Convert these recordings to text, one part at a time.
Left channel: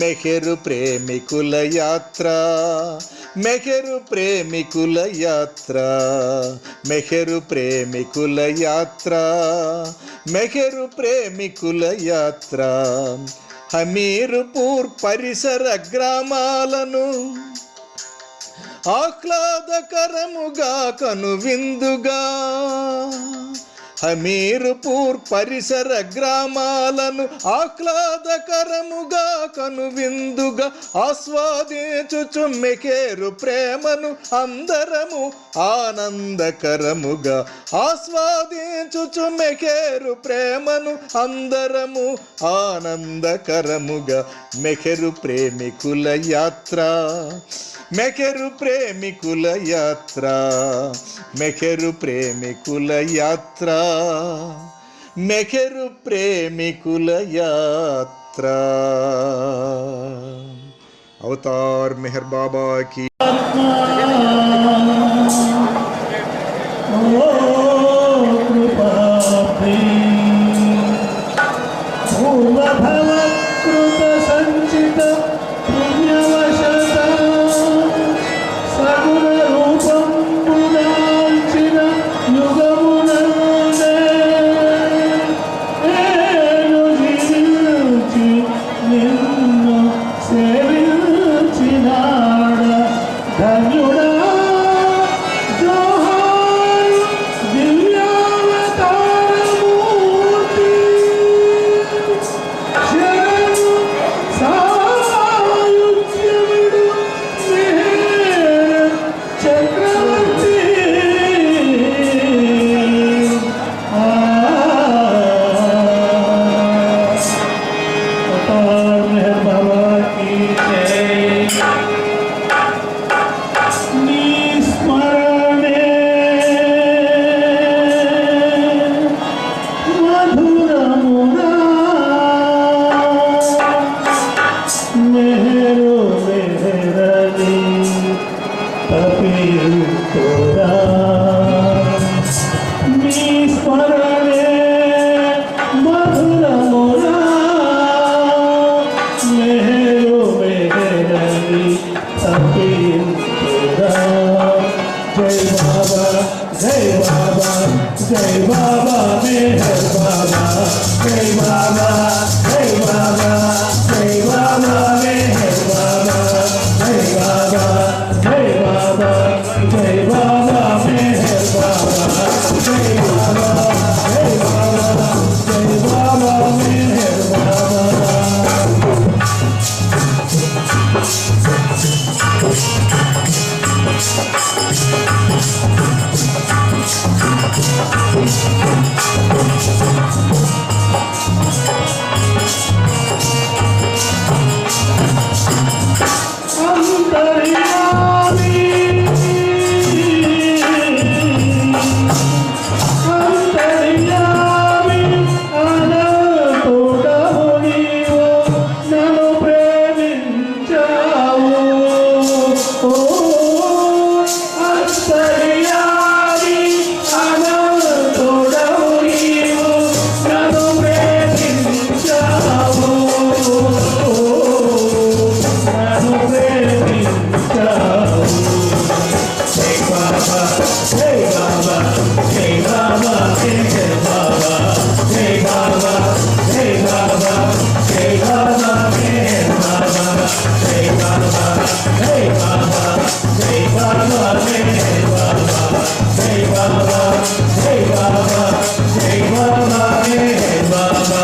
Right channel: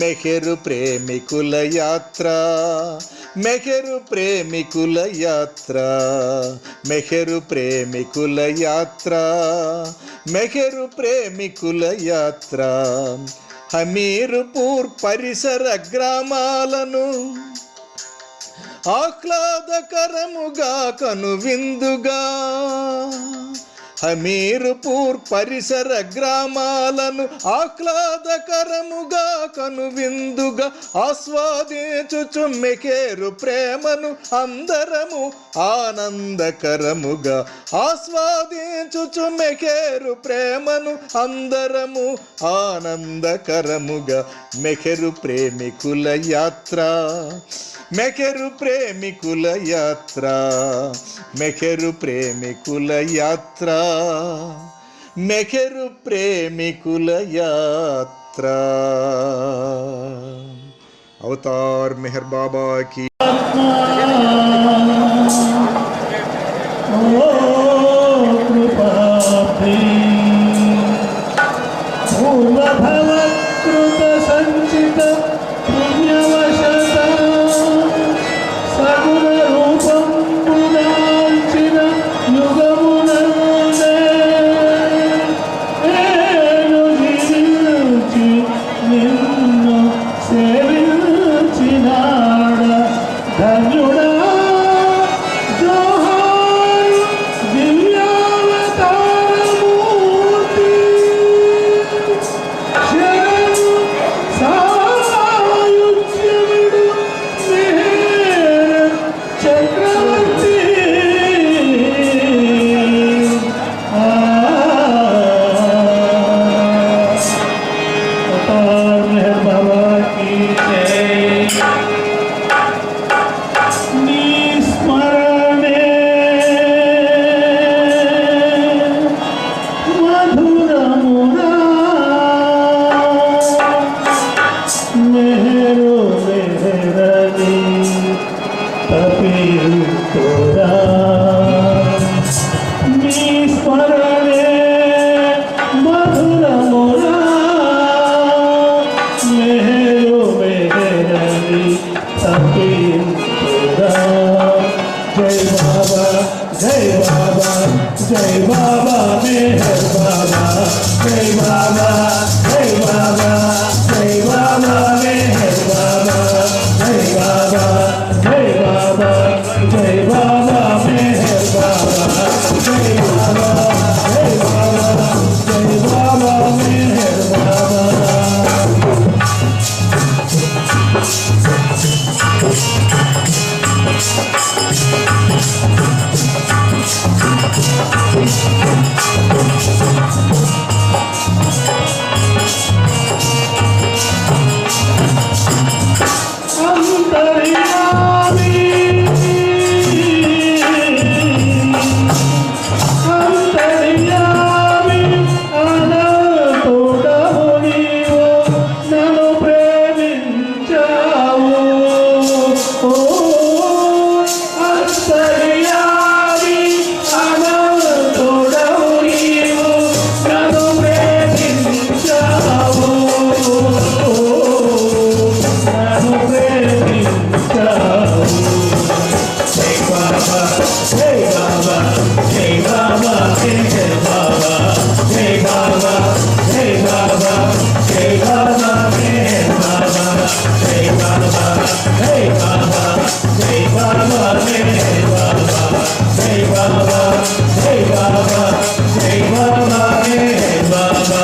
మెహరు ప్రేమికుల యాత్ర, మెహరు ప్రేమికుల యాత్ర, మెహరు ప్రేమికుల యాత్ర, మెహరు ప్రేమికుల యాత్ర. హమీర్పూర్ పరిసర గ్రామాలను ఆహ్లాదకరముగా కనువిందుగా, హమీర్పూర్ పరిసర గ్రామాలను ఆహ్లాదకరముగా కనువిందుగా ఆస్వాదించుచు మెహరు ప్రేమను అందరము ఆనందకరముగా, ఆస్వాదించుచు మెహరు ప్రేమను అందరము ఆనందకరముగా. మెహరు ప్రేమికుల యాత్ర, మెహరు ప్రేమికుల యాత్ర, మెహరు ప్రేమికుల యాత్ర, మెహరు ప్రేమికుల యాత్ర. అవతార్ మెహర్ బాబా की जय बाबा, जय बाबा मेहर बाबा, जय बाबा, जय बाबा, जय बाबा मेहर बाबा, जय बाबा, जय बाबा, जय बाबा मेहर बाबा, जय बाबा, जय बाबा, जय बाबा मेहर बाबा.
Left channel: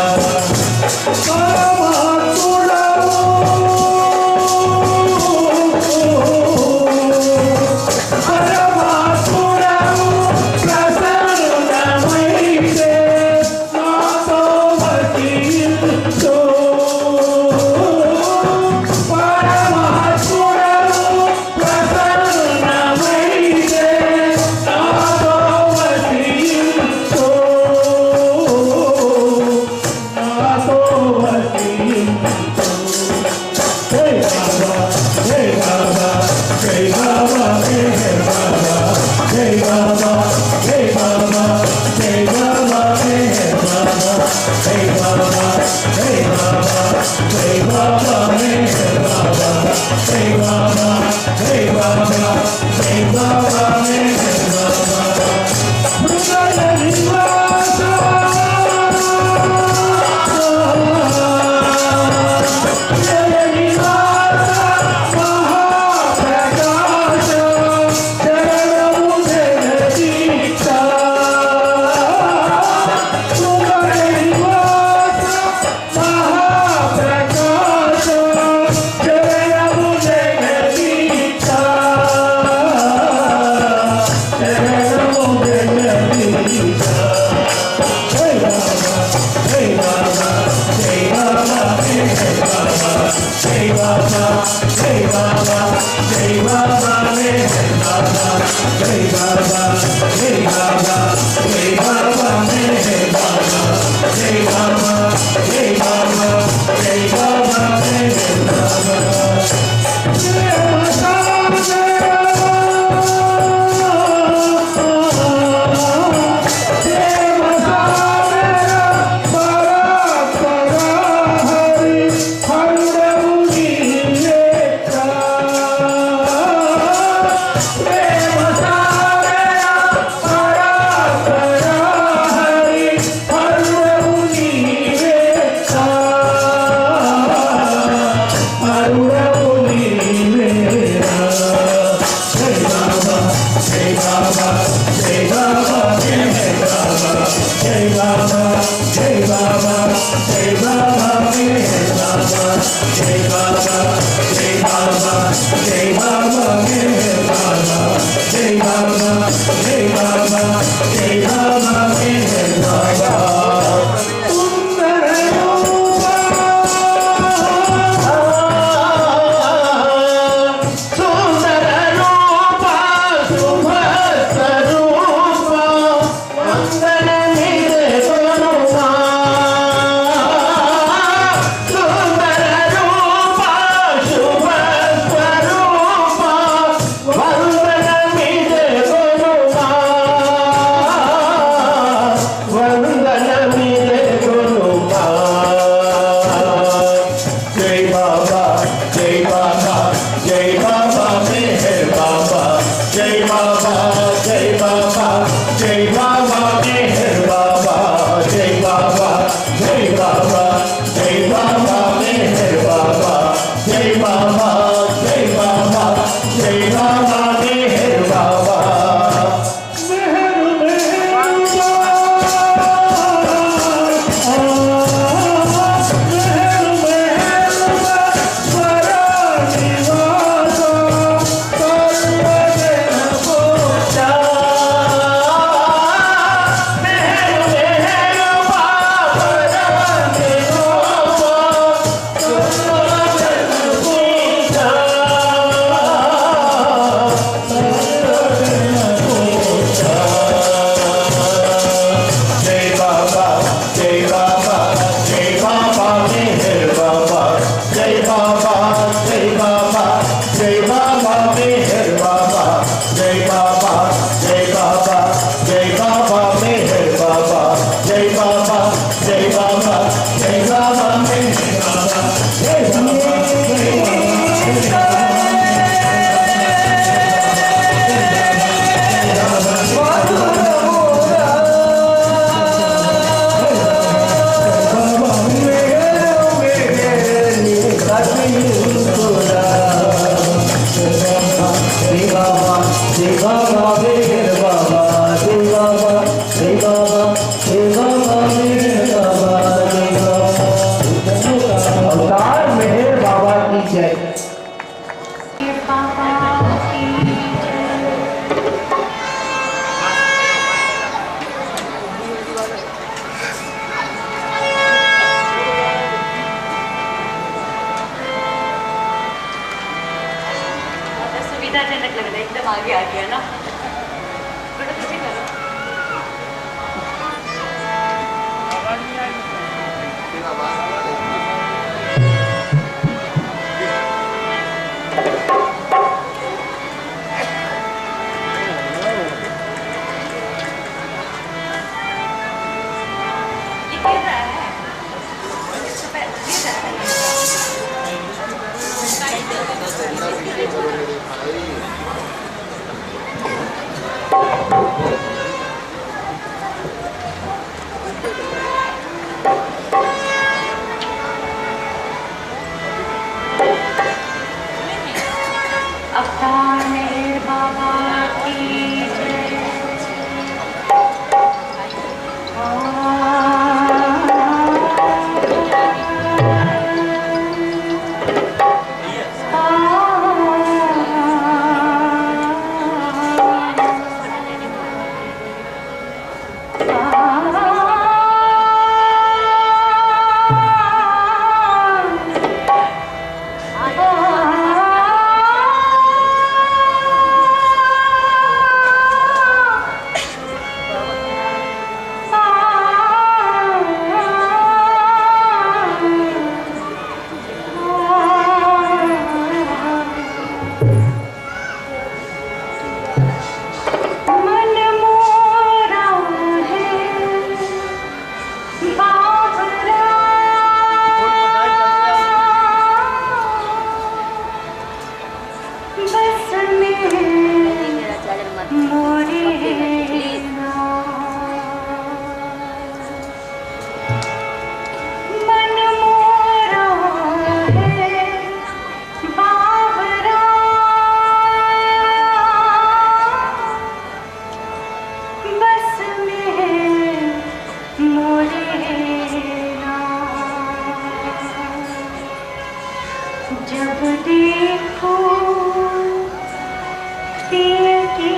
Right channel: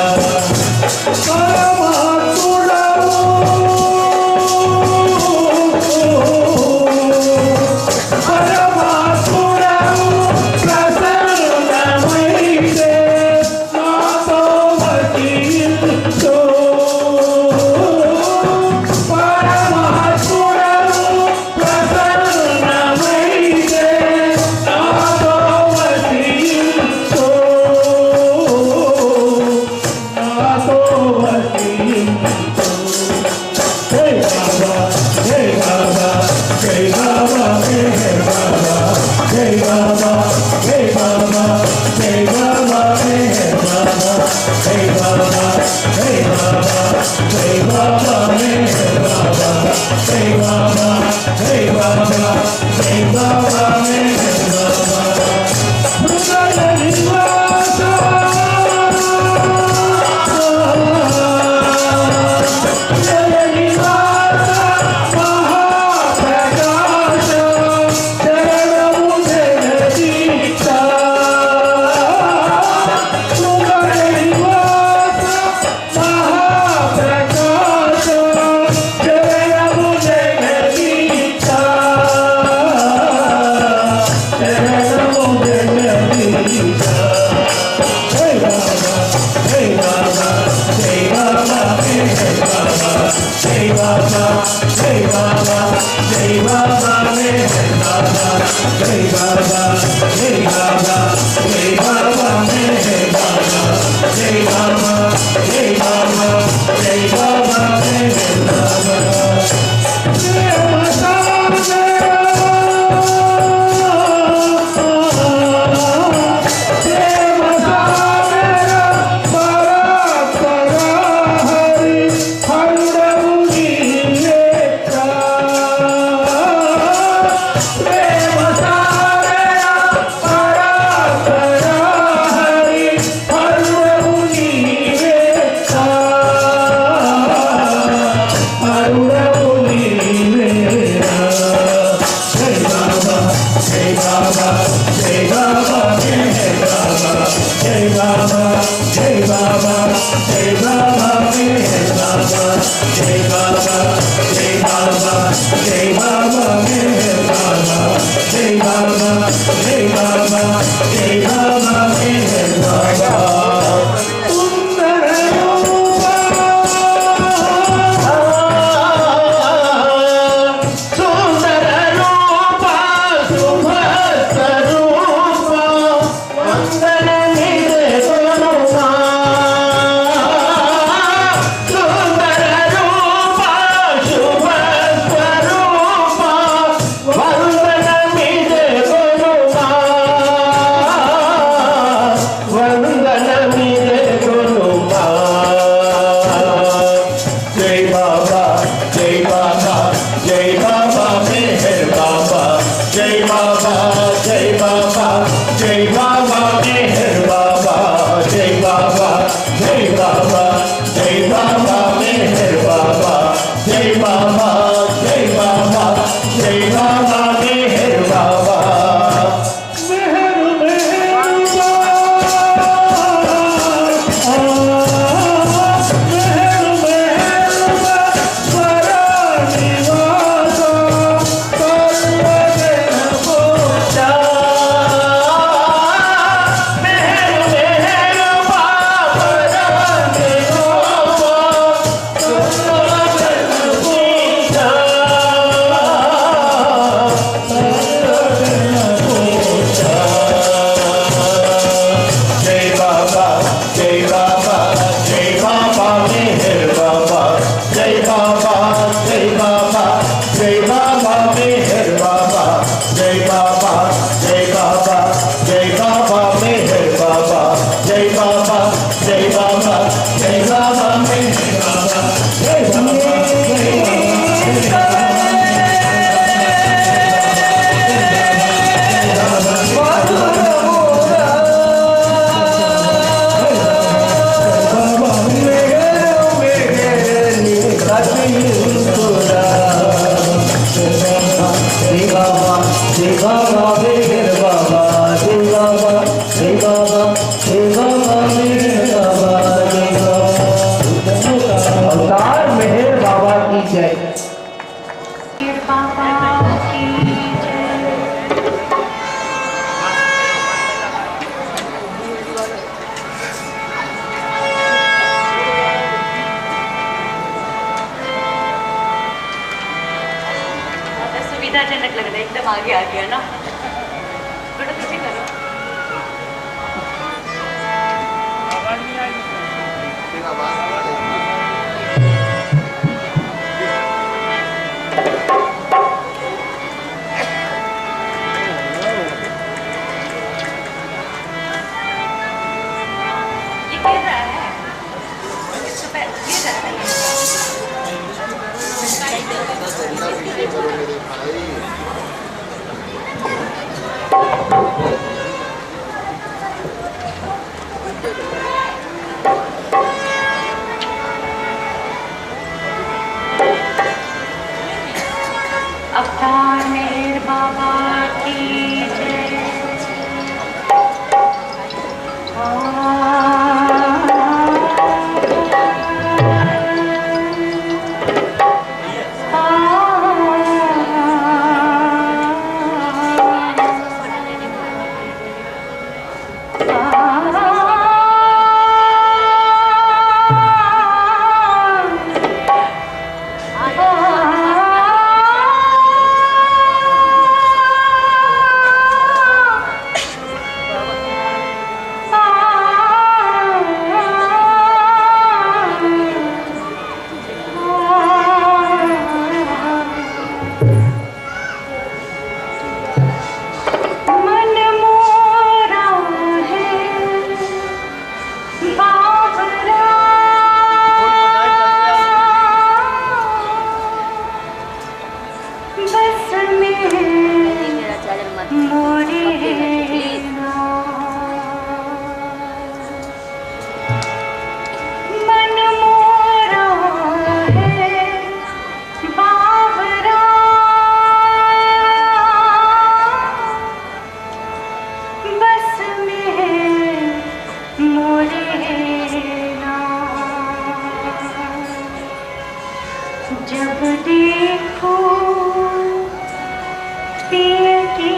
Hey Baba, hey Baba, hey Baba, hey जय बाबा जय बाबा जय बाबा मेहर बाबा जय बाबा जय बाबा जय बाबा मेहर बाबा जय माता सुविधाजनक लग रहा है, एकदम आगे आ गया ना। मन मोरा है बावरा, बस में मोरे मन मोरा है बावरा, बस में मोरे जब देखो पिय की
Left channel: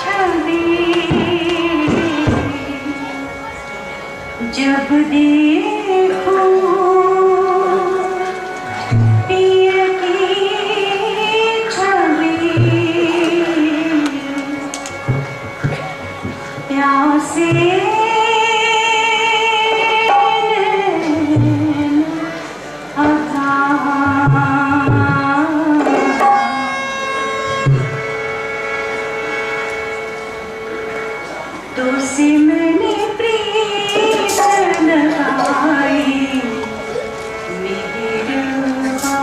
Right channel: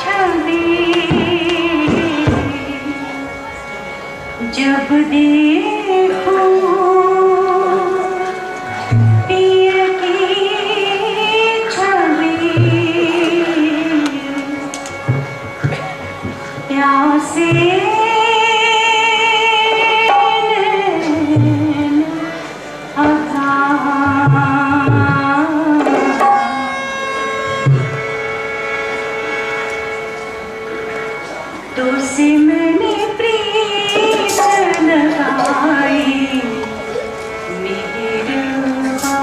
छवि, जब देखो पिय की छवि, प्यासे तो से मैंने प्रीत लगाई मेरे रूबा,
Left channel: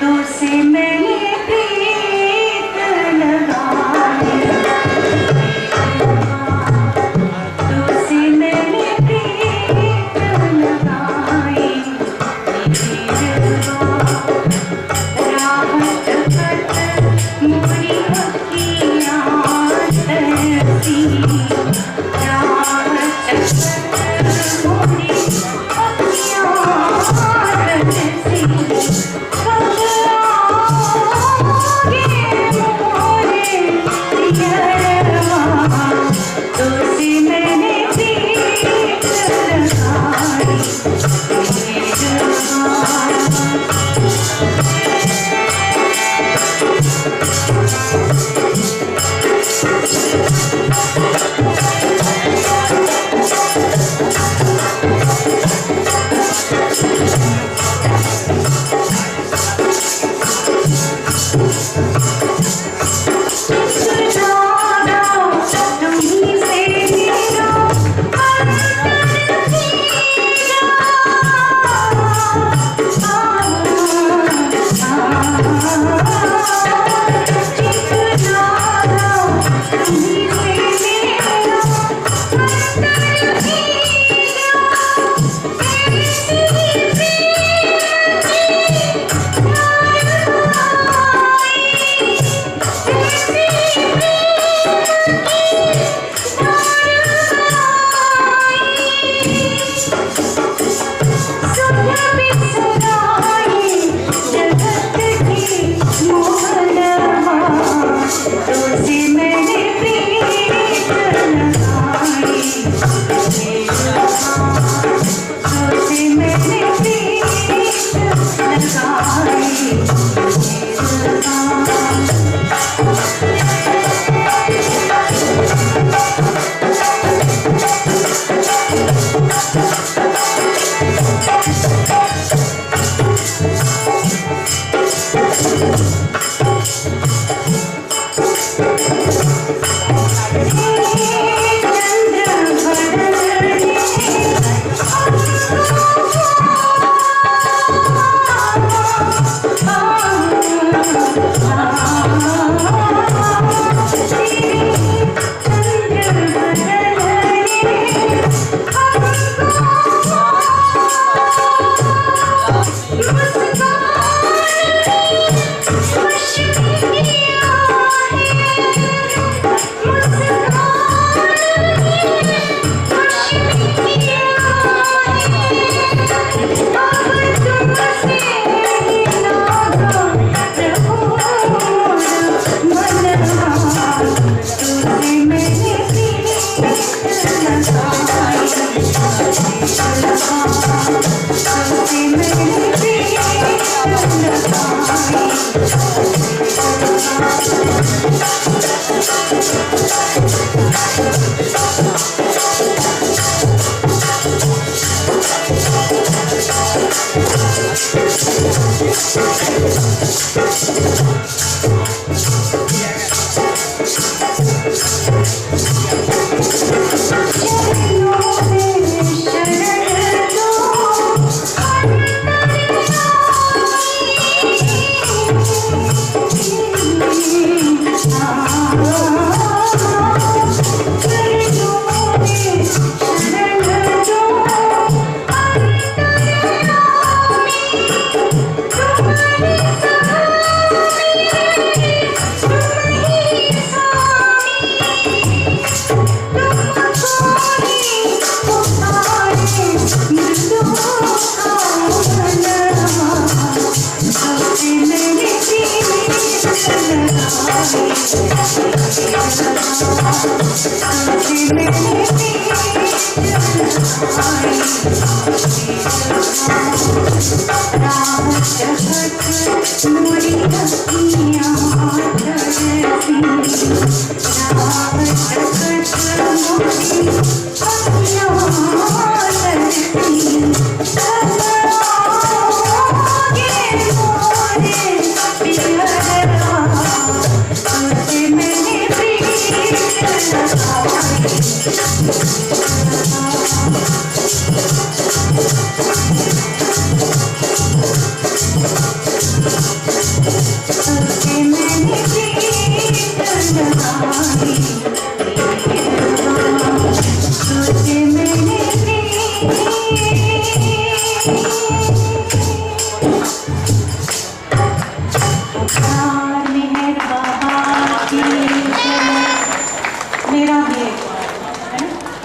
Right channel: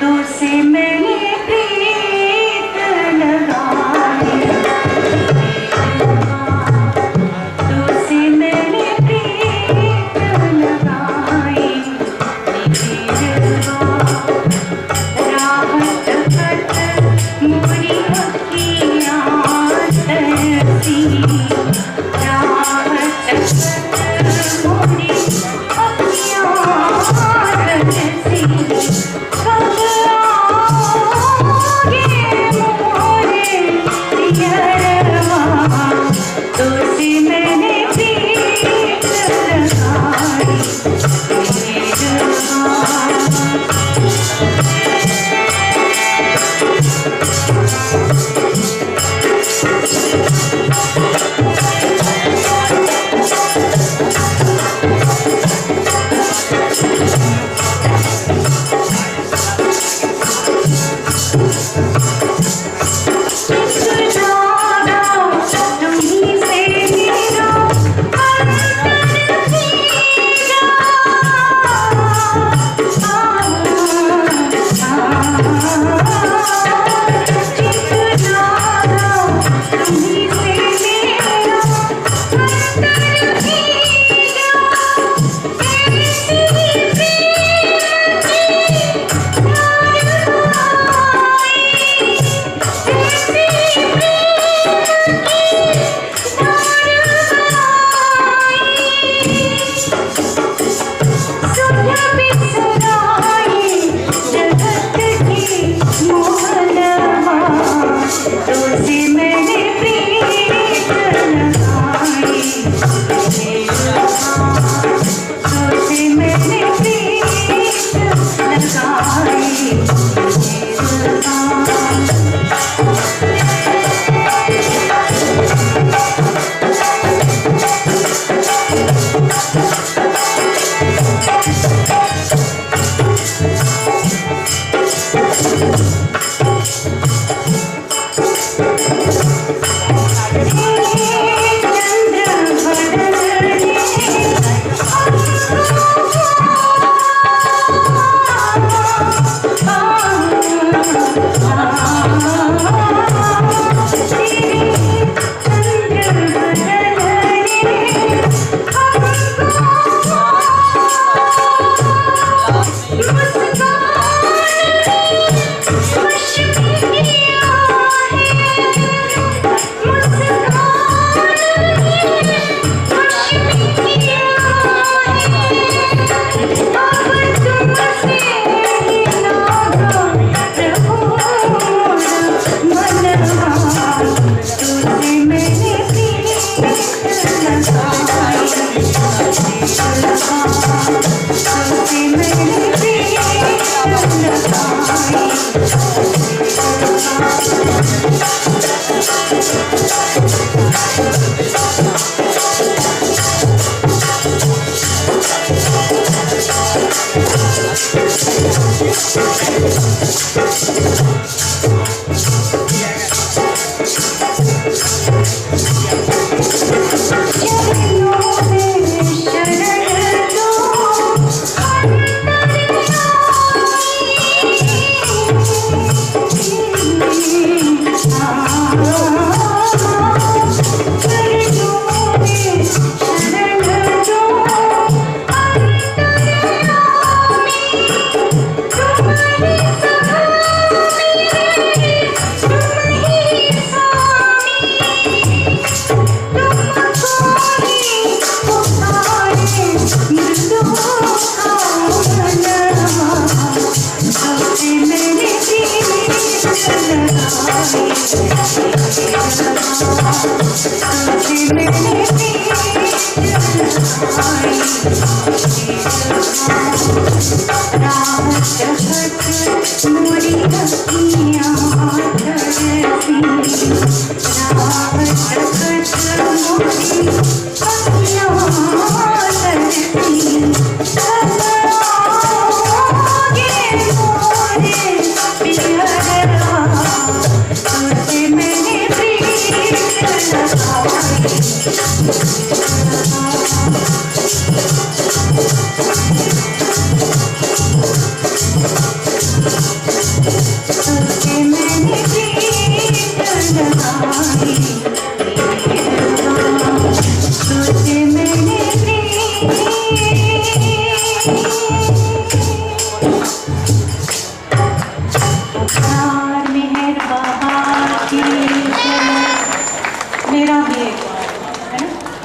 तो से मैंने प्रीत लगाई तो से मैंने प्रीत लगाई मेरे रूबा, राहत कट मोरी अखियाँ तरसी, राहत कट मोरी अखियाँ तरसी, कब आओगे मोरे पियरवा, तो से मैंने प्रीत लगाई मेरे रूबा।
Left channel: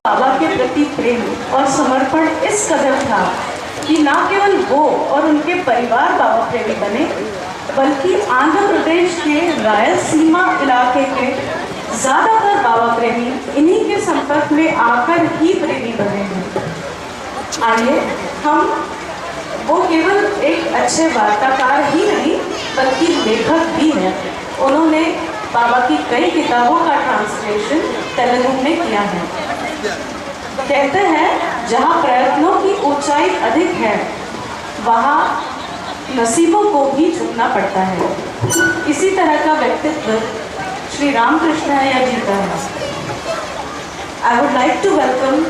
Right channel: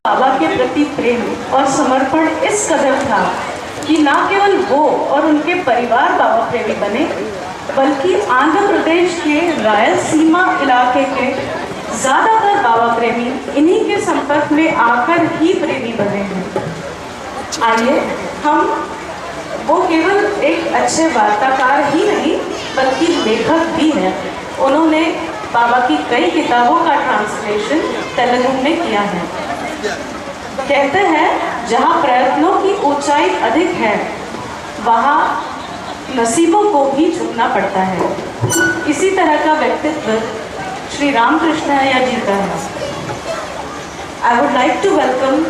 बाबा के प्रति प्रेम और समर्पण इस कदर था कि न केवल वो और उनके परिवार बाबा प्रेमी बने, बल्कि आंध्र प्रदेश के रायलसीमा इलाके के ज़्यादातर बाबा प्रेमी इन्हीं के संपर्क में आकर ही प्रेमी बने हैं। आइए हम वो केवल एक अच्छे वार्ताकार ही नहीं बल्कि लेखक भी हैं। उन्होंने बाबा की कई किताबों का ट्रांसलेशन तेलुगु में किया है। कहते हैं जहाँ प्रयत्नों की ऊंचाई अधिक है वहाँ नसीबों को भी झुकना पड़ता है। इसी तरह का व्यक्तित्व श्री रामकृष्ण जी का है। I would like to welcome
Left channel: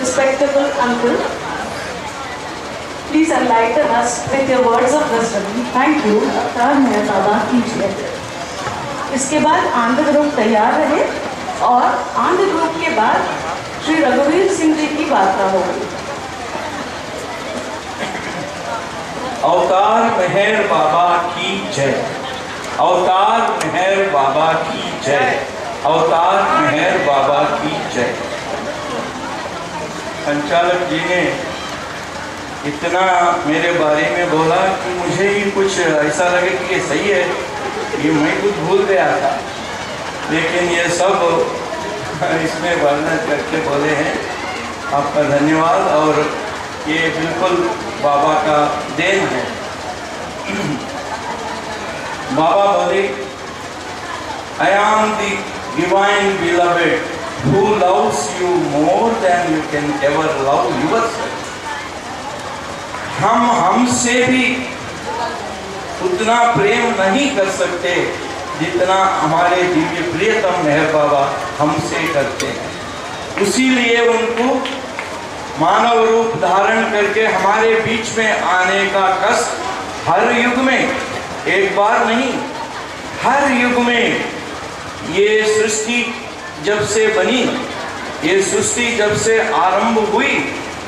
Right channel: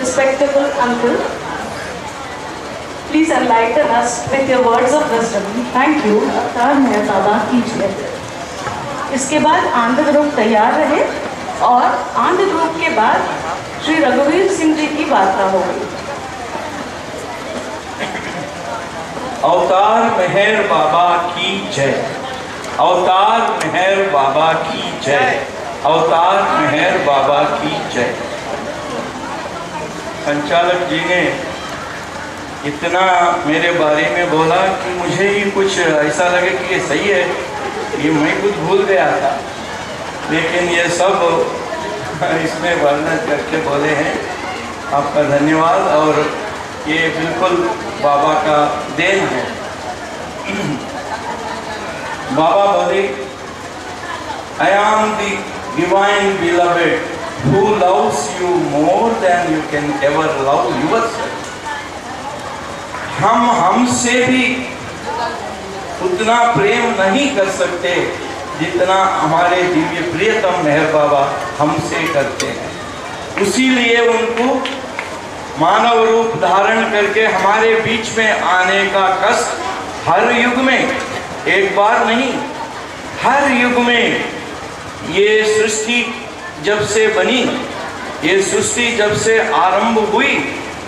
respectable uncle. Please enlighten us with your words of wisdom. Thank you. अवतार मेरा बाबा कीजिए। इसके बाद आनंद ग्रुप तैयार रहे और आनंद ग्रुप के बाद श्री रघुवीर सिंह जी की वार्ता होगी। अवतार मेहर बाबा की जय। अवतार मेहर बाबा की जय। अवतार मेहर बाबा की जय। संचालक जी ने इतना मेरे बारे में बोला कि मुझे ही कुछ ऐसा लगे कि ये सही है, ये मैं कुछ भूल गया था, लेकिन ये सब इसमें वर्णन करके बोले हैं। आपका धन्यवाद। और ये बिल्कुल बाबा का देन है। बाबा बोले, I am the divine beloved who loves you more than you can ever love yourself। हम हमसे भी उतना प्रेम नहीं कर सकते जितना हमारे दिव्य प्रियतम मेहर बाबा हमसे करते हैं। इसीलिए उनको मानव रूप धारण करके हमारे बीच में आने का कष्ट हर युग में, एक बार नहीं, हर युग में, ये सृष्टि जब से बनी, ये सृष्टि जब से आरंभ हुई,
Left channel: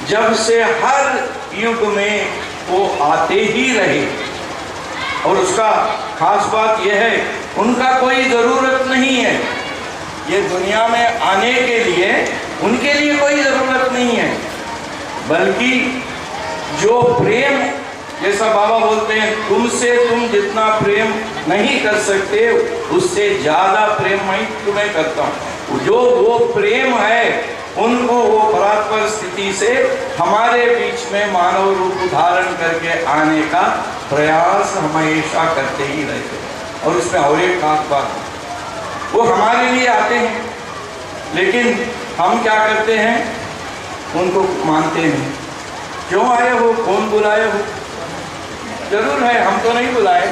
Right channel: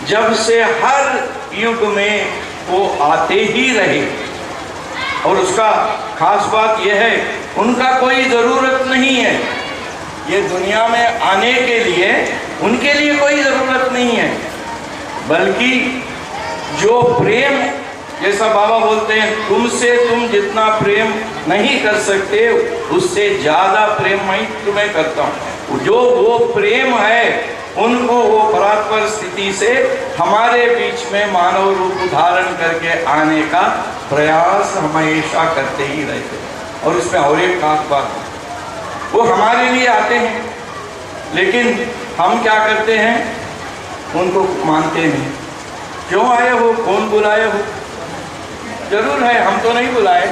जब से हर युग में वो आते ही रहे। और उसका खास बात यह है, उनका कोई ज़रूरत नहीं है ये दुनिया में आने के लिए, उनके लिए कोई ज़रूरत नहीं है, बल्कि जो प्रेम, जैसा बाबा बोलते हैं, तुमसे तुम जितना प्रेम नहीं कर सकते उससे ज़्यादा प्रेम मैं तुम्हें करता हूँ। जो वो प्रेम है उनको वो परात्पर स्थिति से हमारे बीच में मानव रूप धारण करके आने का प्रयास हमेशा करते ही रहते। और इसमें और एक खास बात, वो हमारे लिए आते हैं, लेकिन हम क्या करते हैं, उनको मानते नहीं। क्यों आए हो, कौन बुलाए हो? जरूर है, हम तो नहीं बुलाए,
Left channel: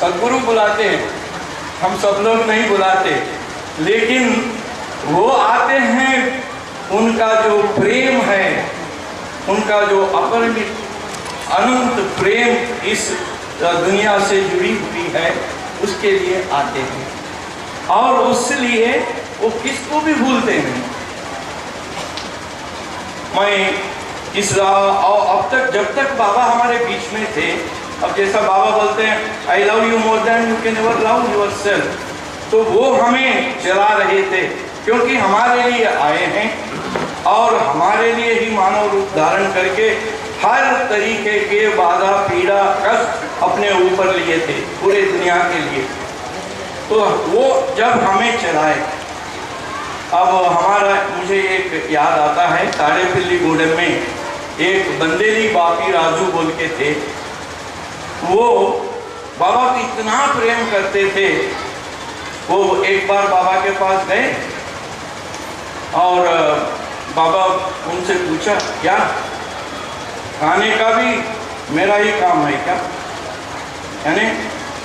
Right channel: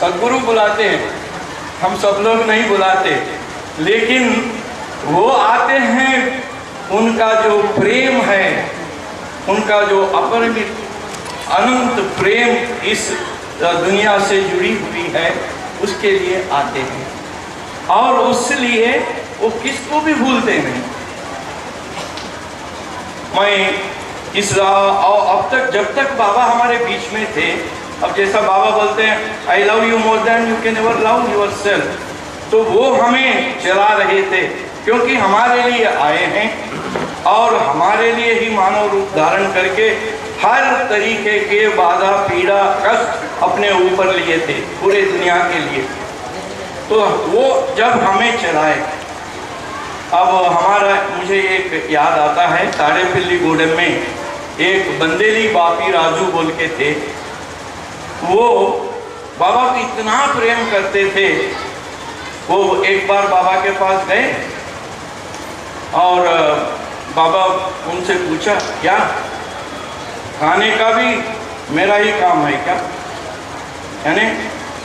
सद्गुरु बुलाते हैं, हम सब लोग नहीं बुलाते, लेकिन वो आते हैं। उनका जो प्रेम है, उनका जो अपरिमित अनंत प्रेम इस दुनिया से जुड़ी हुई है, उसके लिए आते हैं। और उसलिए वो किसको भी भूलते नहीं। मैं इस और अब तक, जब तक बाबा हमारे बीच में थे, अब जैसा बाबा बोलते हैं, I love you more than you can ever love yourself, तो वो हमें चला रहे थे, क्योंकि हमारे लिए आए हैं और हमारे लिए ही मानव रूप धारण करके हर तरीके के बाधा, पीड़ा, कष्ट अपने ऊपर लिए थे पूरे दुनिया के लिए। तो वो जब हमें चलाए, अब हमारा, मुझे एक याद आता है, ताड़ेपल्लीगूडम में एक बंदेली बापी राजू बोल के थे। वो बाबा को इतना प्रेम करते थे वो एक बार बाबा के पास गए और बाबा उनसे पूछा, क्या खाने का भी मेरा ही काम है क्या? यानी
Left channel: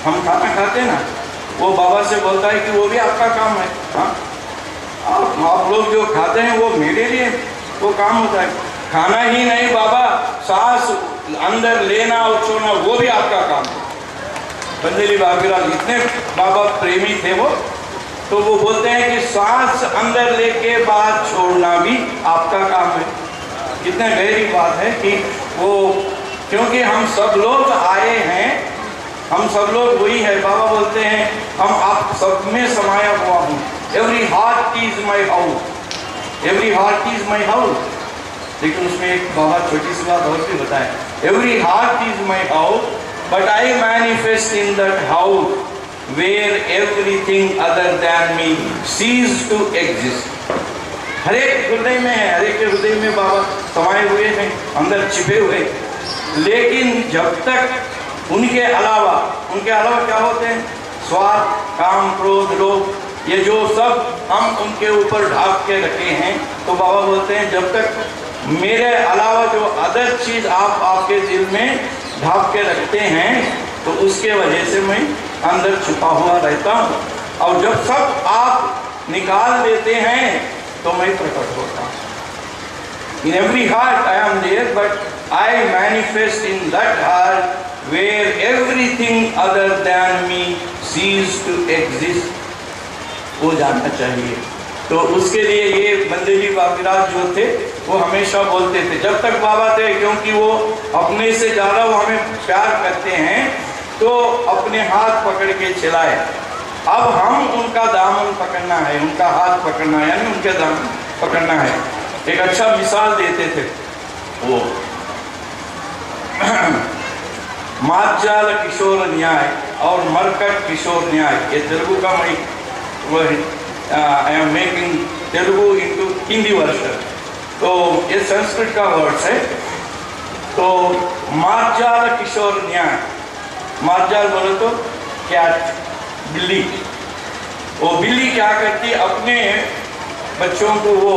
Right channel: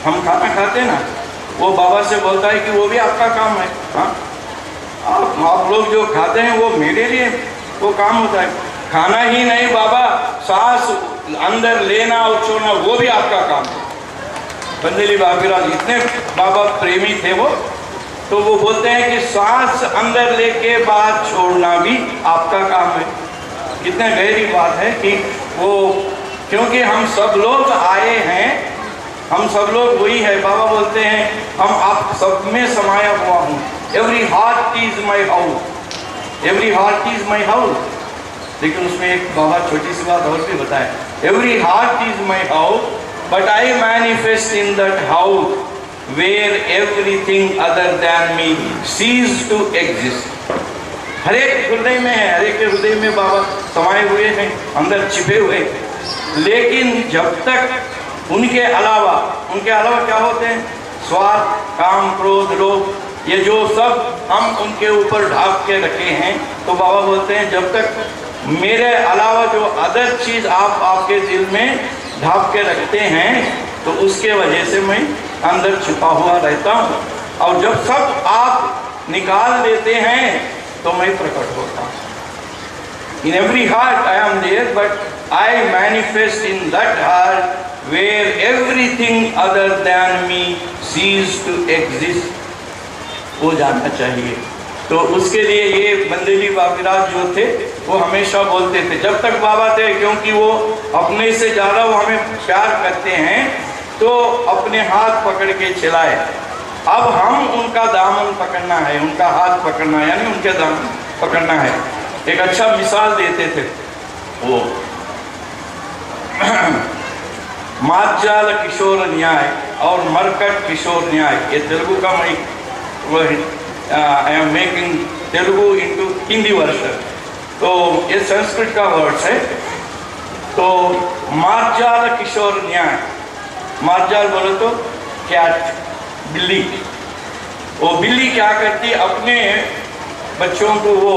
हम खाना खाते ना, वो बाबा से बोलता है कि वो भी आपका काम है। हाँ, आप लोग जो खाते हैं वो मेरे लिए वो काम होता है। खाना ही नहीं बाबा, सांस अंदर लेना और छोड़ना वो भी आपका काम है। बंदेली बाबीराज इतने बाबा प्रेमी थे वो, तो वो बोलते हैं कि सांस अंदर लेके बाद छोड़ना भी आपका काम है। कितने गहरी बात है कि वो, क्योंकि हम सब लोग आए हैं, हम सब लोग वही है। बाबा बोलते हैं हम आप सब में समाया हुआ हूँ। Every heart is my house, every heart is my house. लेकिन उसमें एक बाबा छोटी सी बात और भी बताए, every heart is my house but I manifest in that house where everything other than me cease to exist। हर एक हृदय में है, हर एक के हृदय में बाबा समाये हुए हैं, अंदर छिपे हुए। लेकिन जब तक उनके अलावा क्या होते हैं? स्वार्थ, काम, क्रोध, लोभ, ये जो सब हम उनके ऊपर ढाक के रखे हैं, तो बाबा बोलते हैं जब तक मेरे अलावा जो अदर चीज आप आपके दिल में ढाक के रखते हैं, तो उसके वजह से मैं अंदर छुपा हुआ रहता हूँ। और जब सब आप निकाल देते हैं तो मैं प्रकट होता हूँ। In every heart I am there but I manifest in that heart where everything other than me ceases to exist. वो जानना चाहिए। तो उसके लिए ये बंदेली बाबीराज जो थे वो हमेशा बोलते थे जब तक बाबा थे, क्योंकि वो अपने से ज़्यादा वो हमें प्यार करते हैं, तो अपने हाथ पकड़ के चलाए। अब हम उनका दामन पकड़ना है, उनका हाथ पकड़ना है, यानी उनके दामन पकड़ना है। एक अच्छा मिसाल देते थे वो मार्जाल किशोर न्याय और मरकट किशोर न्याय, ये तेलुगु का मैं वो I am making Telugu into Hindi version, तो ये संस्कृत का वर्ड्स है। तो मार्जाल किशोर न्याय, मार्जाल बोले तो कैट, बिल्ली। वो बिल्ली क्या करती, अपने बच्चों को वो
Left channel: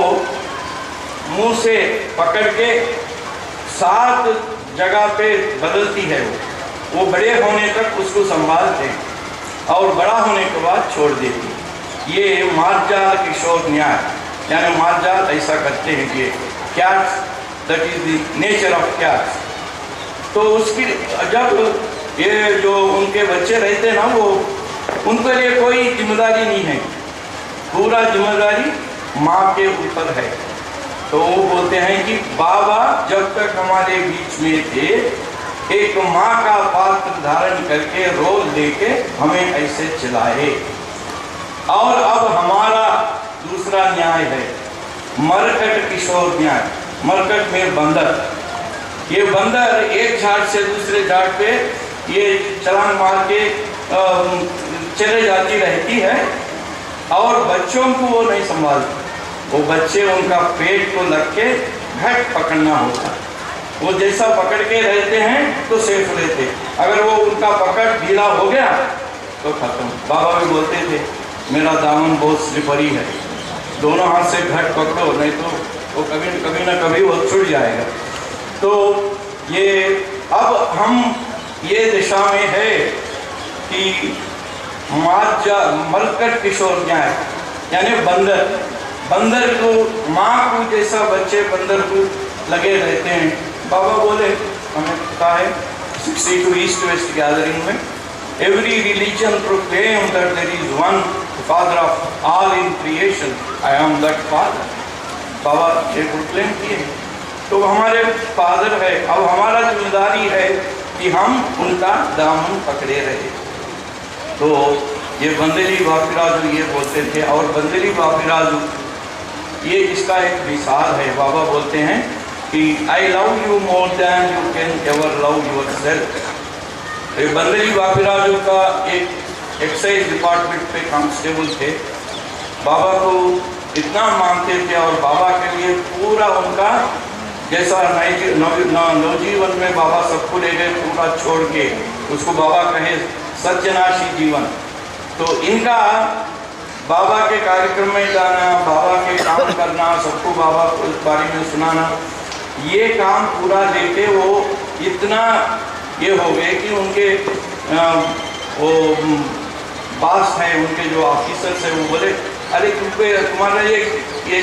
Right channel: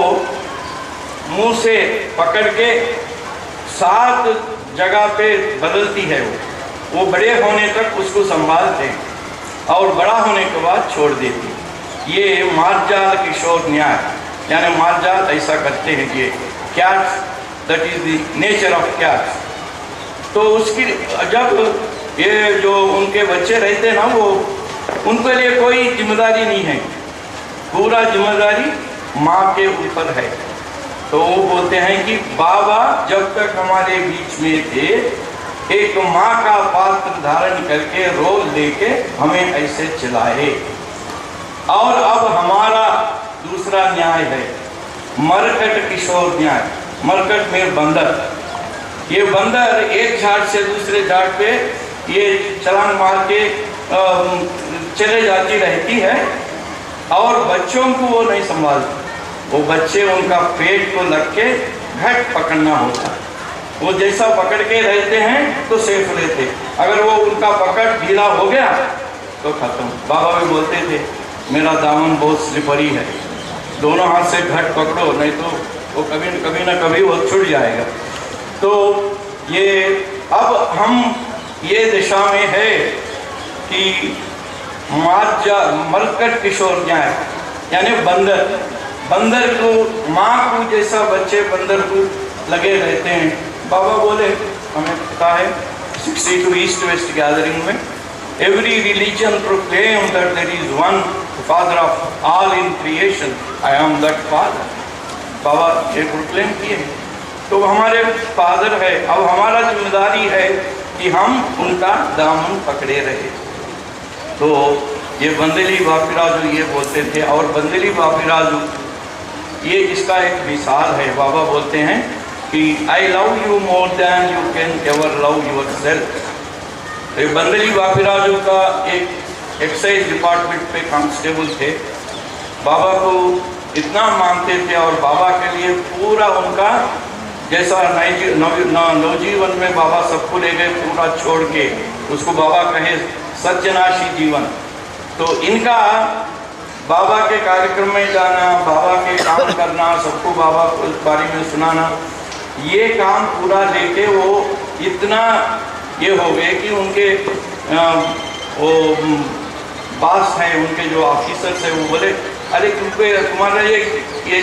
मुंह से पकड़ के 7 जगह पे बदलती है। वो बड़े होने तक उसको संभालते हैं और बड़ा होने के बाद छोड़ देती। ये मार्जाल किशोर न्याय, यानी मार्जाल ऐसा करते हैं कि cats, that is the nature of cats. तो उसकी जब ये जो उनके बच्चे रहते हैं ना, वो उनके लिए कोई जिम्मेदारी नहीं है, पूरा जिम्मेदारी माँ के ऊपर है। तो वो बोलते हैं कि बाबा जब तक हमारे बीच में थे, एक माँ का पात्र धारण करके रोल लेके हमें ऐसे चलाए। और अब हमारा दूसरा न्याय है मरकट किशोर न्याय। मरकट में बंदर, ये बंदर एक झाड़ से दूसरे झाड़ पे ये छलांग मार के चले जाती रहती है और बच्चों को वो नहीं संभालती। वो बच्चे उनका पेट को लग के घट पकड़ना होता है। वो जैसा पकड़ के रहते हैं तो सेफ रहते, अगर वो उनका पकड़ ढीला हो गया तो खत्म। बाबा भी बोलते थे मेरा दामन बहुत स्लिपरी है, दोनों हाथ से घट पकड़ो, नहीं तो वो कभी ना कभी वो छूट जाएगा। तो ये अब हम ये दिशा में है कि मरकट किशोर न्याय, यानी बंदर को माँ को जैसा बच्चे बंदर को लगे रहते हैं। बाबा बोले, हमें पता है 62 ईस्ट वेस्ट गैदरिंग में, every religion proclaim that there is one father of all in creation, I am that father. Baba ये प्रोक्लेम किए, तो हमारे फादर है। अब हमारा जिम्मेदारी है कि हम उनका दामन पकड़े रहे। तो ये बंदेली बापीराजू ये बोलते थे, और बंदेली बापीराजू ये इसका एक मिसाल है। बाबा बोलते हैं कि I love you more than you can ever love your self. ये बंदेली बापीराजू का एक एक्साइज डिपार्टमेंट पे कांस्टेबल थे। बाबा को इतना मानते थे और बाबा के लिए पूरा उनका जैसा नवजीवन में बाबा सबको ले गए पूरा छोड़ के, उसको बाबा कहे सत्यनाशी जीवन। तो इनका बाबा के कार्यक्रम में जाना, बाबा के काम करना, सबको बाबा के बारे में सुनाना, ये काम पूरा लेके वो इतना ये हो गए कि उनके वो बॉस हैं, उनके जो ऑफिसर्स हैं, वो बोले अरे तुम्हारा ये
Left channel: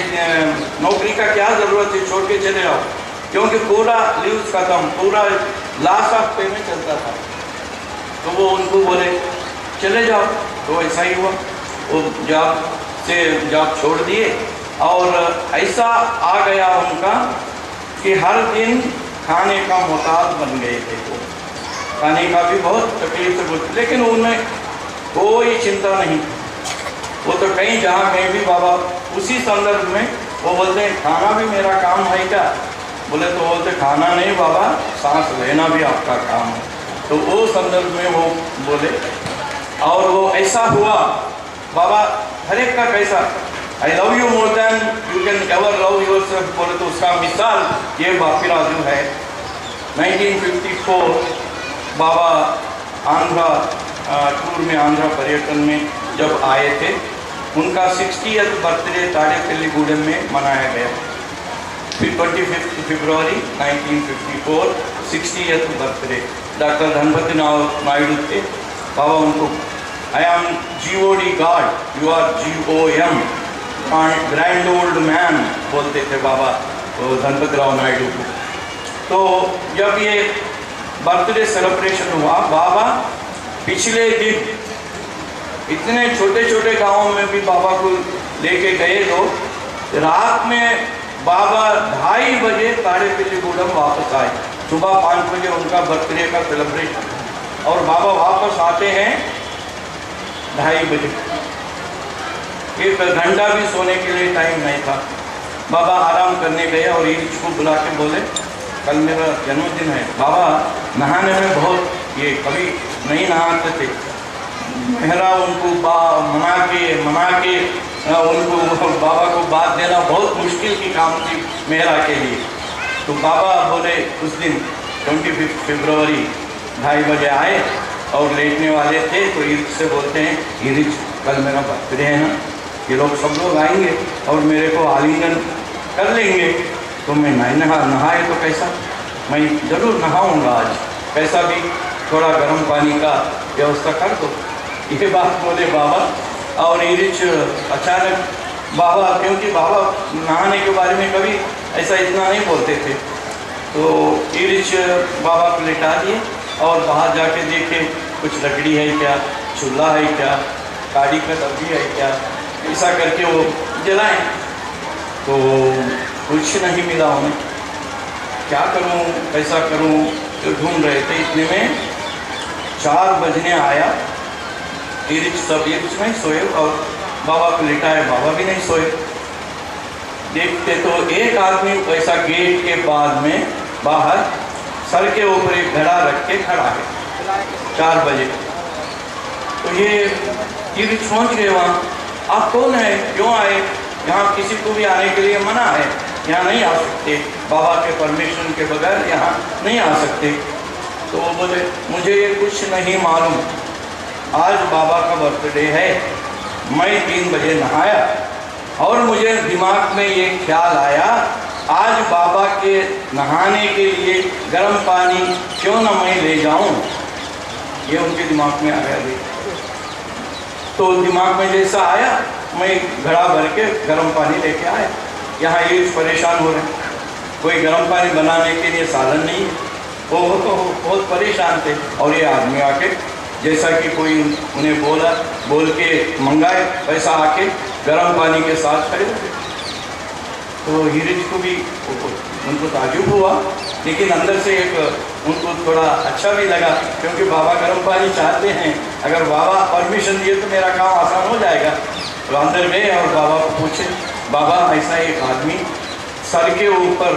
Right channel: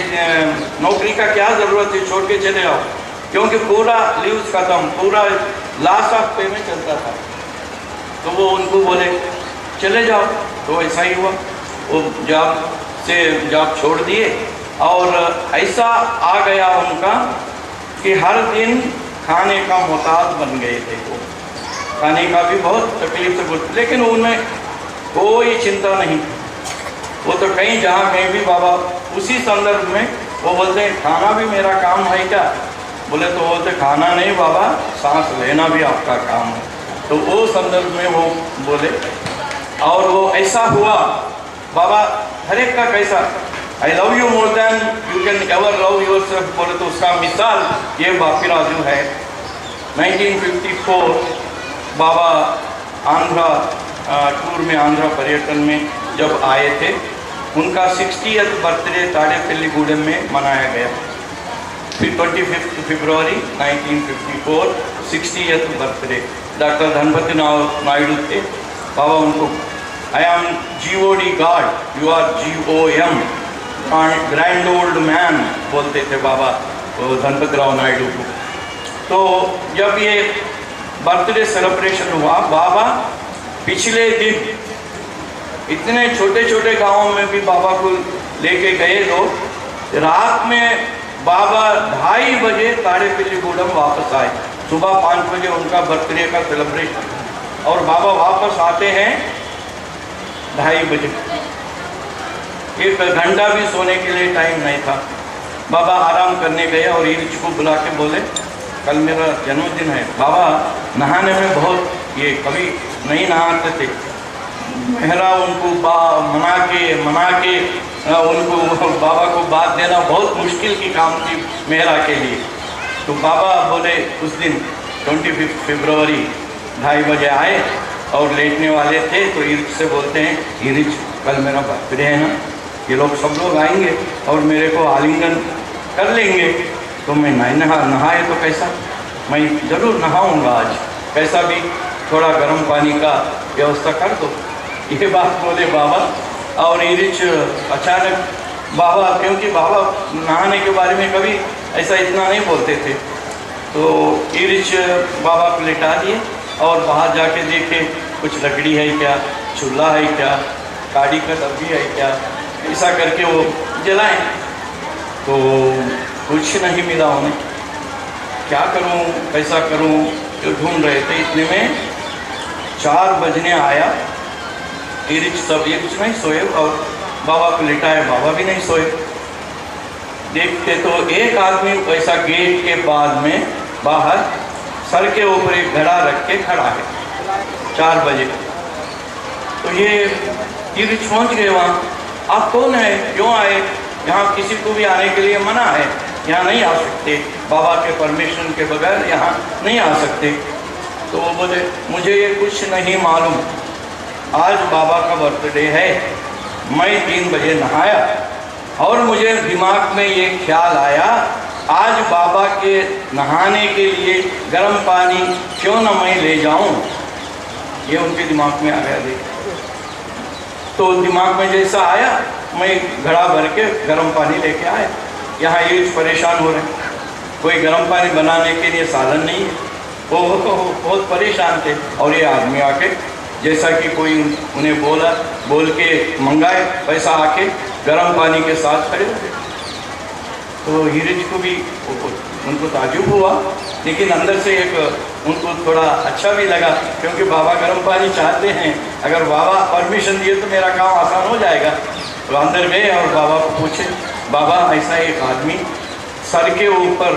नौकरी का क्या ज़रूरत है, छोड़ के चले आओ, क्योंकि पूरा लीव्स खत्म, पूरा लास्ट ऑफ पे में चलता था। तो वो उनको बोले चले जाओ, तो ऐसा ही हुआ, वो जॉब छोड़ दिए और ऐसा आ गया उनका कि हर दिन खाने का मोहताज बन गए थे वो। खाने का भी बहुत तकलीफ से बोलते, लेकिन उनमें कोई चिंता नहीं। वो तो कहीं कहीं भी बाबा उसी संदर्भ में वो बोलते हैं खाना भी मेरा काम है क्या, बोले तो बोलते खाना नहीं बाबा, सांस लेना भी आपका काम है। तो वो संदर्भ में वो बोले और वो ऐसा हुआ। बाबा हर एक का कैसा I love you more than you can ever love your self बोले तो उसका मिसाल ये बापी राजू है। 1954 बाबा आंध्रा टूर में, आंध्रा पर्यटन में जब आए थे, उनका 60th बर्थडे ताड़ेपल्लीगूडेम में मनाया गया। 25 फरवरी 1954 60th birthday. Doctor Dhanapati Naidu थे बाबा, उनको I am GOD God, you are GOM, grand old man बोलते थे बाबा तो धनपति राव नायडू को। तो जब ये बर्थडे सेलिब्रेशन हुआ, बाबा पिछले दिन इतने छोटे छोटे गांवों में भी बाबा को लेके गए लोग। रात में बाबा 2:30 बजे ताड़ेपल्लीगूडेम वापस आए। सुबह 5 बजे उनका बर्थडे का सेलिब्रेशन और बाबा वापस आते हैं 2:30 बजे। 1 घंटा भी सोने के लिए टाइम नहीं था। बाबा आराम करने गए और ईरिच को बुला के बोले कल मेरा जन्मदिन है। बाबा नहाने में बहुत ये कभी नहीं नहाते थे। मेहरा उनको मना के उनको बाबा को बात देना बहुत मुश्किल की काम थी मेहरा के लिए। तो बाबा बोले उस दिन 25 फरवरी 2:30 बजे आए और लेटने वाले थे। तो ईरिच से बोलते हैं ईरिच कल मेरा बर्थडे है ना, ये लोग सब लोग आएंगे और मेरे को आलिंगन कर लेंगे, तो मैं नहीं नहाए तो कैसा, मैं ज़रूर नहाऊंगा आज, कैसा भी थोड़ा गर्म पानी का व्यवस्था कर दो। ये बात बोले बाबा। और ईरिच अचानक बाबा, क्योंकि बाबा नहाने के बारे में कभी ऐसा इतना नहीं बोलते थे, तो ईरिच बाबा को लिटा दिए और बाहर जाके देखे कुछ लकड़ी है क्या, चूल्हा है क्या, गाड़ी का डब्बी है क्या, ऐसा करके वो जलाएं। तो कुछ नहीं मिला उन्हें। क्या करूं, कैसा करूं, तो ढूंढ रहे थे। इतने में 4 बजने आया। ईरिच नहीं सोए और बाबा को लिटाए, बाबा भी नहीं सोए। देखते तो एक आदमी ऐसा गेट के बाद में बाहर सर के ऊपर एक घड़ा रख के खड़ा है 4 बजे। तो ये ईरिच पहुँच गए वहाँ। आप कौन है, क्यों आए? यहाँ किसी को भी आने के लिए मना है, यहाँ नहीं आ सकते, बाबा के परमिशन के बगैर यहाँ नहीं आ सकते। तो वो बोले मुझे ये कुछ नहीं मालूम, आज बाबा का बर्थडे है, मैं 3 बजे नहाया और मुझे दिमाग में ये ख्याल आया आज बाबा के नहाने के लिए गर्म पानी क्यों ना मैं ले जाऊं। ये उनके दिमाग में आ गया। तो दिमाग में जैसा आया मैं घड़ा भर के गर्म पानी लेके आया। यहाँ ये परेशान हो रहे हैं, कोई गर्म पानी बनाने के लिए साधन नहीं है। वो तो बहुत परेशान थे और ये आदमी आके जैसा कि कोई उन्हें बोल के मंगाए, पैसा आके गर्म पानी के साथ खड़े हो गए। तो ईरिच को भी उनको ताजुब हुआ, लेकिन अंदर से एक उनको थोड़ा अच्छा भी लगा, क्योंकि बाबा गर्म पानी चाहते हैं। अगर बाबा परमिशन दिए तो मेरा काम आसान हो जाएगा। तो अंदर गए और बाबा को पूछे, बाबा ऐसा एक आदमी सर के ऊपर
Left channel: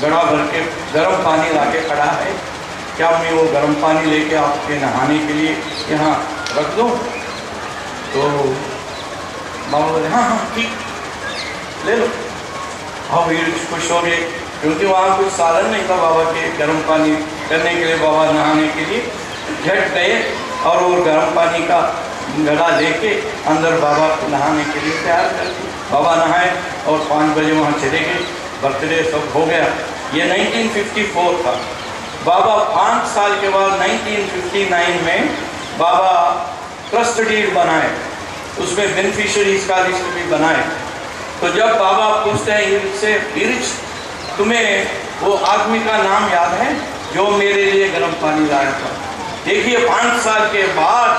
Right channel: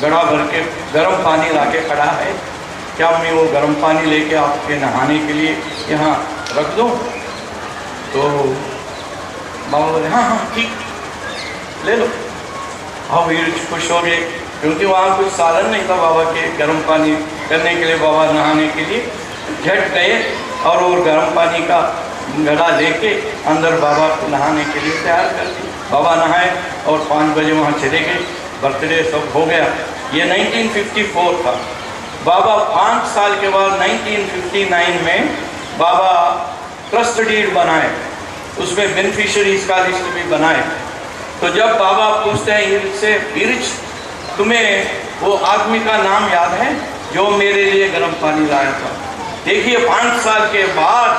घड़ा भर के गर्म पानी ला के खड़ा है, क्या मैं वो गर्म पानी लेके आपके नहाने के लिए यहाँ रख दूँ? तो बाबा बोले हाँ हाँ ठीक ले लो। हाँ ईरिच खुश हो गए, क्योंकि वहाँ कुछ साधन नहीं था बाबा के गर्म पानी करने के लिए, बाबा नहाने के लिए। झट गए और वो गर्म पानी का घड़ा लेके अंदर बाबा को नहाने के लिए तैयार कर दी। बाबा नहाए और 5 बजे वहाँ चले गए, बर्थडे सब हो गया। ये 1954 था। बाबा 5 साल के बाद 1959 में बाबा ट्रस्ट डीड बनाए, उसमें बेनिफिशरीज का लिस्ट भी बनाए। तो जब बाबा पूछते हैं इरिच से, इरिच तुम्हें वो आदमी का नाम याद है जो मेरे लिए गर्म पानी लाया था? देखिए 5 साल के बाद